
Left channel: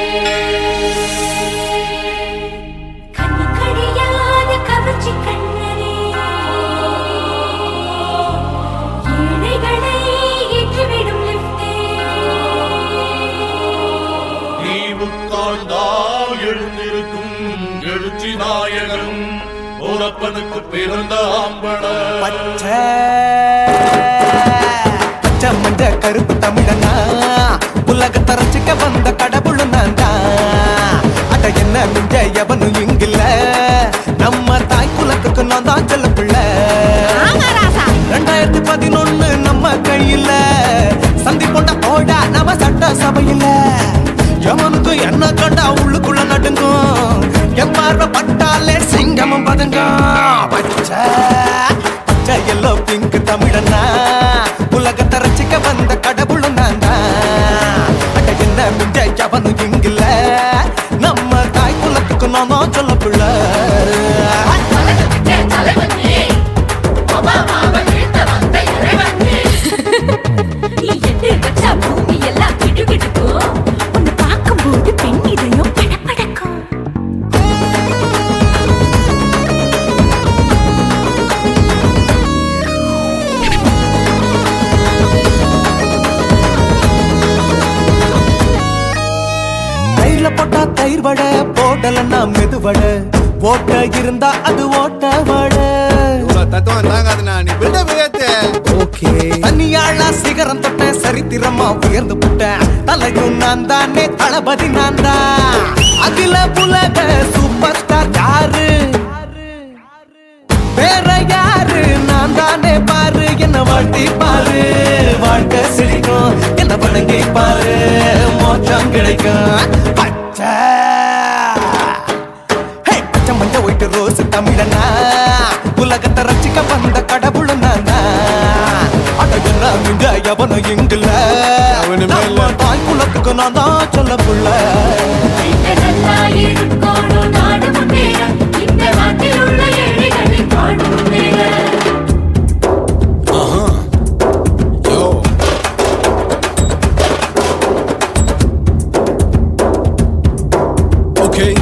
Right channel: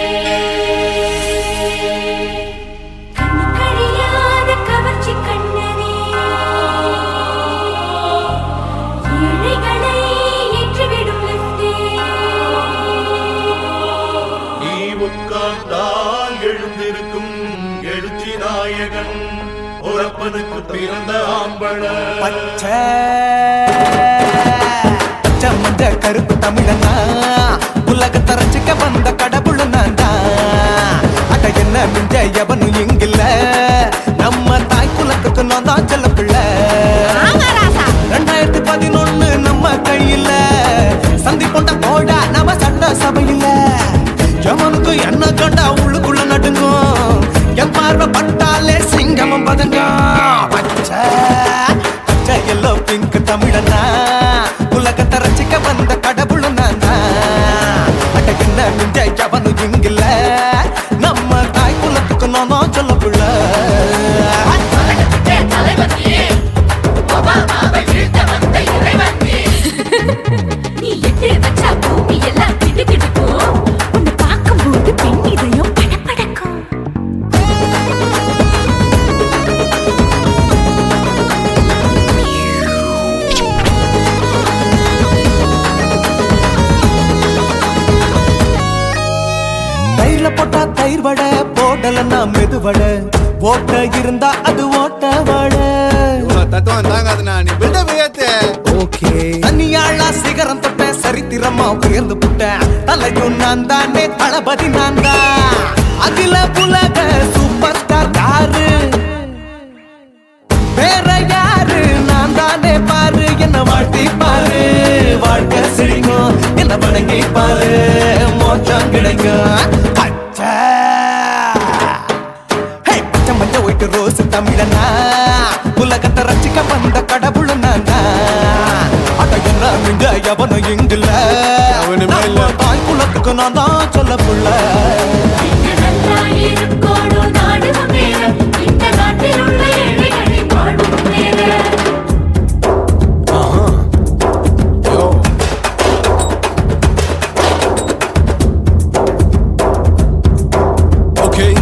கண்ணுக்கடியாத கவர்ச்சி கண்ணனே ஏழைகளை ஏற்றிவிடும் லிப்டே நீ உட்கார்ந்தால் எழுந்திருக்கும் எழுச்சி நாயகன் உறப்பனுக்கு பிறந்த ஆம்பள பச்சை மஞ்ச கருப்பு தமிழனா உலகத்தை ரசிக்க வந்த கடவுள் நான் தான் அட என்ன மிஞ்ச எவனும் இங்கில்ல நம்ம தாய் குலத்துக்கு நான் தான் செல்ல பிள்ளை 2011 நம்ம கையில சந்தி போண்ட போடா நம்ம சட்ட சபையில எவனுக்கு என்ன கண்டா உள்ளுக்குள்ள நடுங்கும் என் பார்வை பட்டாலே சிங்கமும் பதுங்கும் பச்சை பச்சை எல்லோ பிங்க் தமிழனா உலகத்தை ரசிக்க வந்த கடவுள் நான் தான் அட என்ன மிஞ்ச எவனும் இங்கில்ல நம்ம தாய் குலத்துக்கு நான் தான் சொல்ல பிள்ளை உன்னை பார்க்கும்போது பெண் இதயம் படபடக்கும் தயிர்ல போட்டா தயிர் வடை போடலன்னா மெதுவடை ஓட்ட இருந்தா அது ஓட்ட வடை தத்துவம் தாங்காதுண்ணா நீ பில்டப் ஏத்து ஓகே தனியாளா சிகரம் தொட்ட சரித்திரமா உயர்ந்து புட்டேன் தலையும் நான் தானே தளபதி நான் தான் அகில புலக சூப்பர் ஸ்டார் யாரு வேற யாரு நான் தானே பாரு என்ன வாழ்த்தி பாரு வாழ்க்கை சிரிக்கும் என்ன வணங்கி பாரு மோச்சம் கிடைக்கும் பச்சை பச்சை மஞ்ச ஒயிட்டு ரோஸ் தமிழனா உலகத்தை ரசிக்க வந்த கடவுள் நான் தான் அட என்ன மிஞ்ச எவனும் இங்கில்ல அவனுமே இல்ல. நம்ம தாய் குலத்துக்கு நான் தான் சொல்ல புள்ள Okay.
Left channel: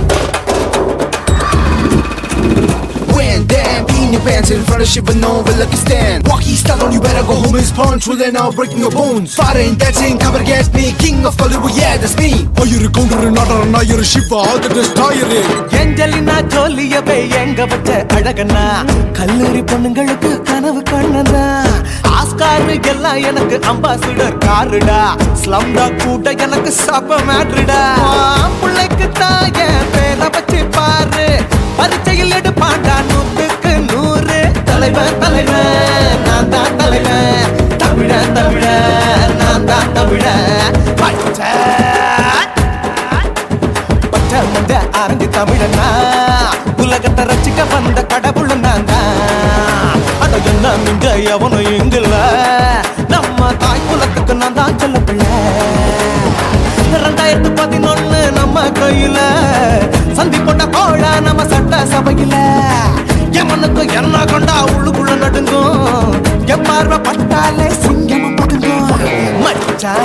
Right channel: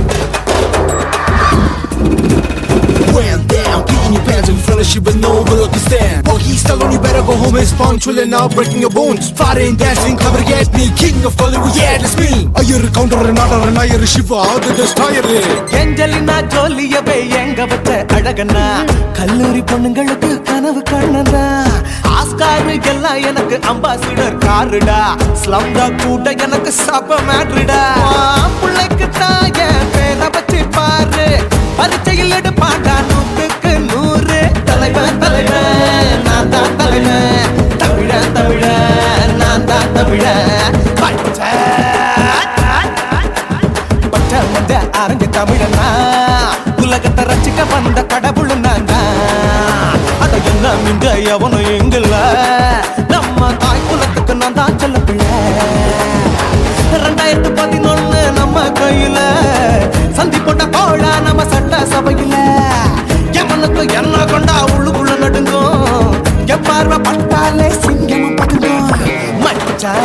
When that in your pants in front of shit but no one like you stand. Oh, he's telling you better go home and spawn. Chilling out, breaking your bones. Fighting, dancing, cover gas, me, king of Hollywood, yeah, that's me. Oh, you're a counter and not you're a shipper. How did this tie you in? Angelina ஜோலியவே எங்க வச்ச அழகனா கல்லூரி பொண்ணுங்களுக்கு கனவு கண்ணனா Oscar எல்லாம் எனக்கு ambassador காருடா ஸ்லம்டா கூட எனக்கு சப்ப மேட்ருடா பிள்ளைக்கு தாய பேரை வச்சு பாரு பரீட்சையில் எடுப்பாண்டா 100க்கு 100 தலைவன் தலைவன் நான் தான் தலைவன் தமிழன் தமிழன் நான் தான் தமிழன் பச்சை பச்சை மஞ்ச ஆரஞ்சு தமிழனா உலகத்தை ரசிக்க வந்த கடவுள் நான் தான் அட என்ன மிஞ்ச எவனும் எங்கில்ல நம்ம தாய் குலத்துக்கு நான் தான் சொல்ல பிள்ளை 2011 நம்ம கையில சந்தி போட்ட கோழா நம்ம சட்ட சபையில எவனுக்கு என்ன கொண்டா உள்ளுக்குள்ள நடுங்கும் என் பார்வை பட்டாலே சிங்கமும் பதுங்கும் மச்சா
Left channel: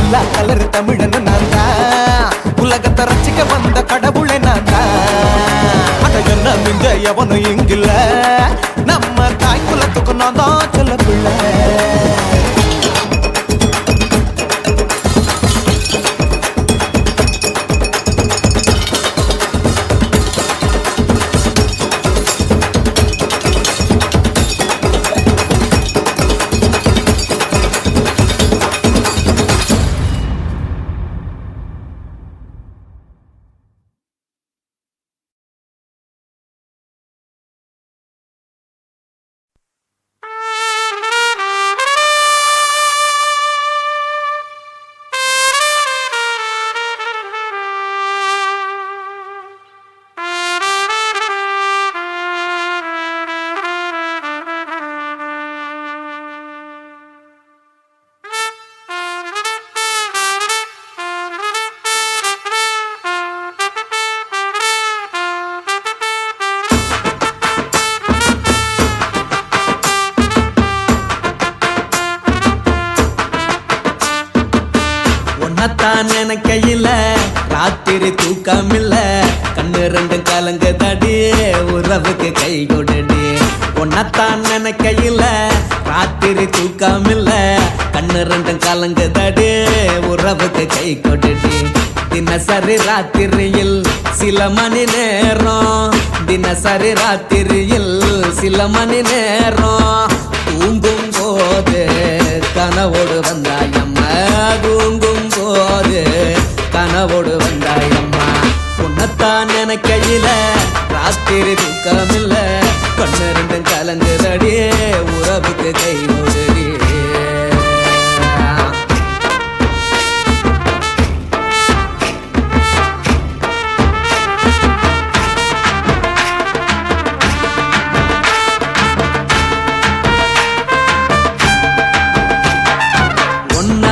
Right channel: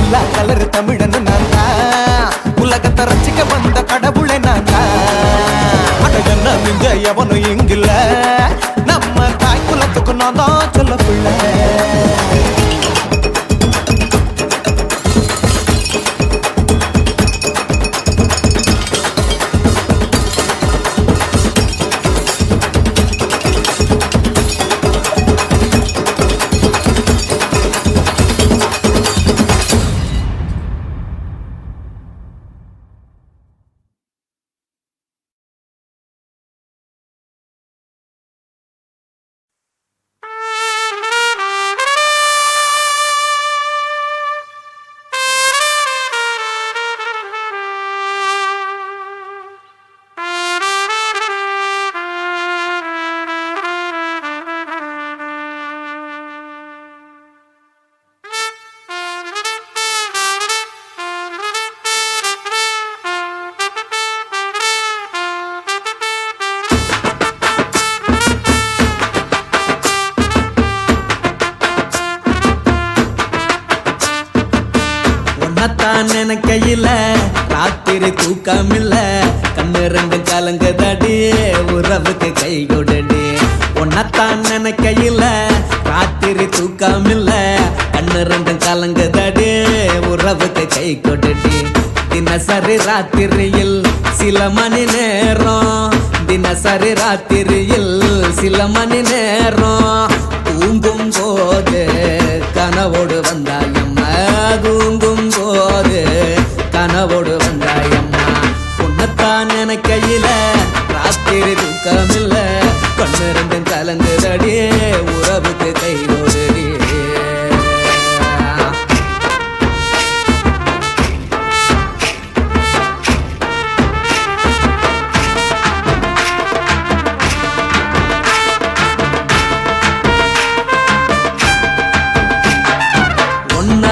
எல்லா கலர் தமிழன்னு நான் தான் உலகத்தை ரசிக்க வந்த கடவுளை நான் தான் அட என்ன மிஞ்ச எவனும் இங்கில்ல நம்ம தாய் குலத்துக்கு நான் தான் சொல்ல பிள்ளை உன்னத்தான் நினைக்கையில ராத்திரி தூக்கமில்ல கண்ணு ரெண்டும் கலங்குதடி உறவுக்கு கை கொடுடி உன்னத்தான் நினைக்கையில ராத்திரி தூக்கமில்ல கண்ணு ரெண்டும் கலங்குதடி உறவுக்கு கை கொடுடி தினசரி ராத்திரியில் சில மணி நேரம் தினசரி ராத்திரியில் சில மணி நேரம் தூங்கும் போது கனவோடு வந்தாயம்மா தூங்கும் போது கனவோடு வந்தாயம்மா உன்னத்தான் நினைக்கையில ராத்திரி தூக்கமில்ல கண்ணு ரெண்டும் கலங்குதடி உறவுக்கு கை ஓடுடி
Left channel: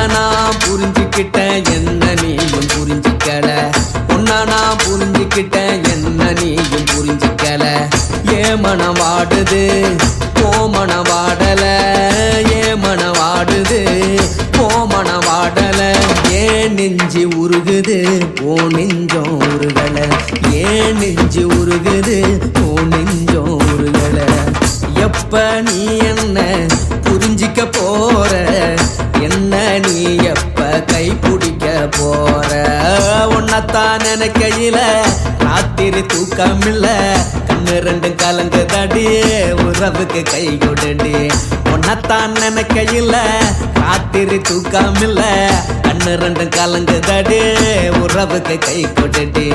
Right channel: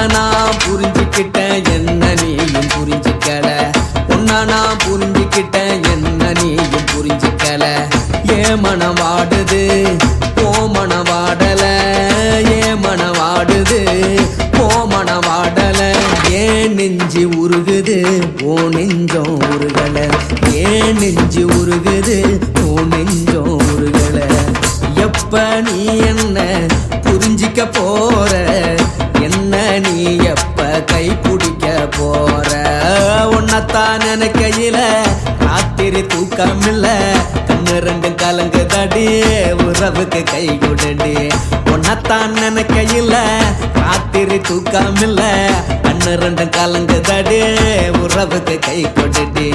நான் புரிஞ்சுக்கிட்டேன் என்ன நீயும் புரிஞ்சிக்கல உன்ன நான் புரிஞ்சுக்கிட்டேன் என்ன நீயும் புரிஞ்சிக்கல ஏ மனம் வாடுது போ மனம் வாடல ஏ மனம் வாடுது போ மனம் வாடல ஏன் நெஞ்சு உருகுது ஓ நெஞ்சம் உருகல ஏன் நெஞ்சு உருகுது ஓ நெஞ்சம் உருகல எப்ப நீ என்ன புரிஞ்சிக்க போற என்ன நீ எப்ப கை பிடிக்க போற உன்னத்தான் நினைக்கையில ராத்திரி தூக்கமில்ல கண்ணு ரெண்டும் கலங்குதடி உறவுக்கு கை கொடுடி உன்னத்தான் நினைக்கையில ராத்திரி தூக்கமில்ல கண்ணு ரெண்டும் கலங்குதடி உறவுக்கு கை கொடுடி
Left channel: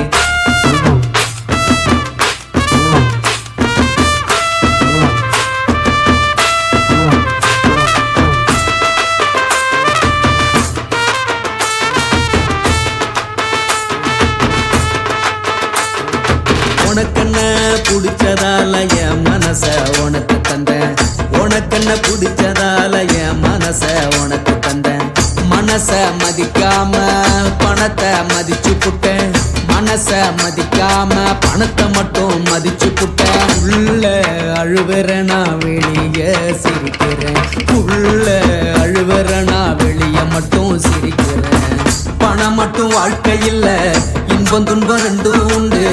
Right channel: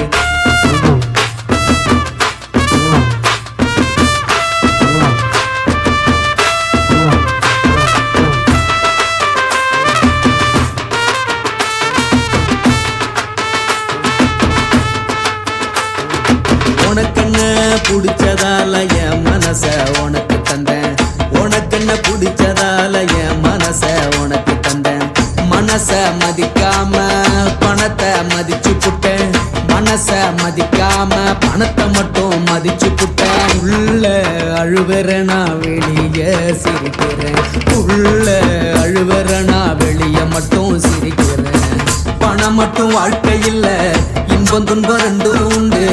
உனக்கென்ன பிடிச்சதால என் மனச உனக்கு தந்தேன் உனக்கென்ன பிடிச்சதால என் மனச உனக்கு தந்தேன் மனச மதிக்காம பணத்தை மதிச்சு புட்டேன் மனச மதிக்காம பணத்தை மட்டும் மதிச்சு புட்டேன் உள்ள அழுவுறனா வெளிய சிரிக்கிறேன் உள்ள அழுவுறனா வெளிய மட்டும் சிரிக்கிறேன் பணம் மட்டும் வாழ்க்கையில் இன்பம் துன்பம் ரெண்டும் உண்டு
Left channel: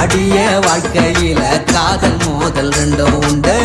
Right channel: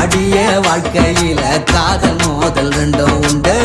அடிய வாழ்க்கையில காதல் மோதல் ரெண்டும் உண்டு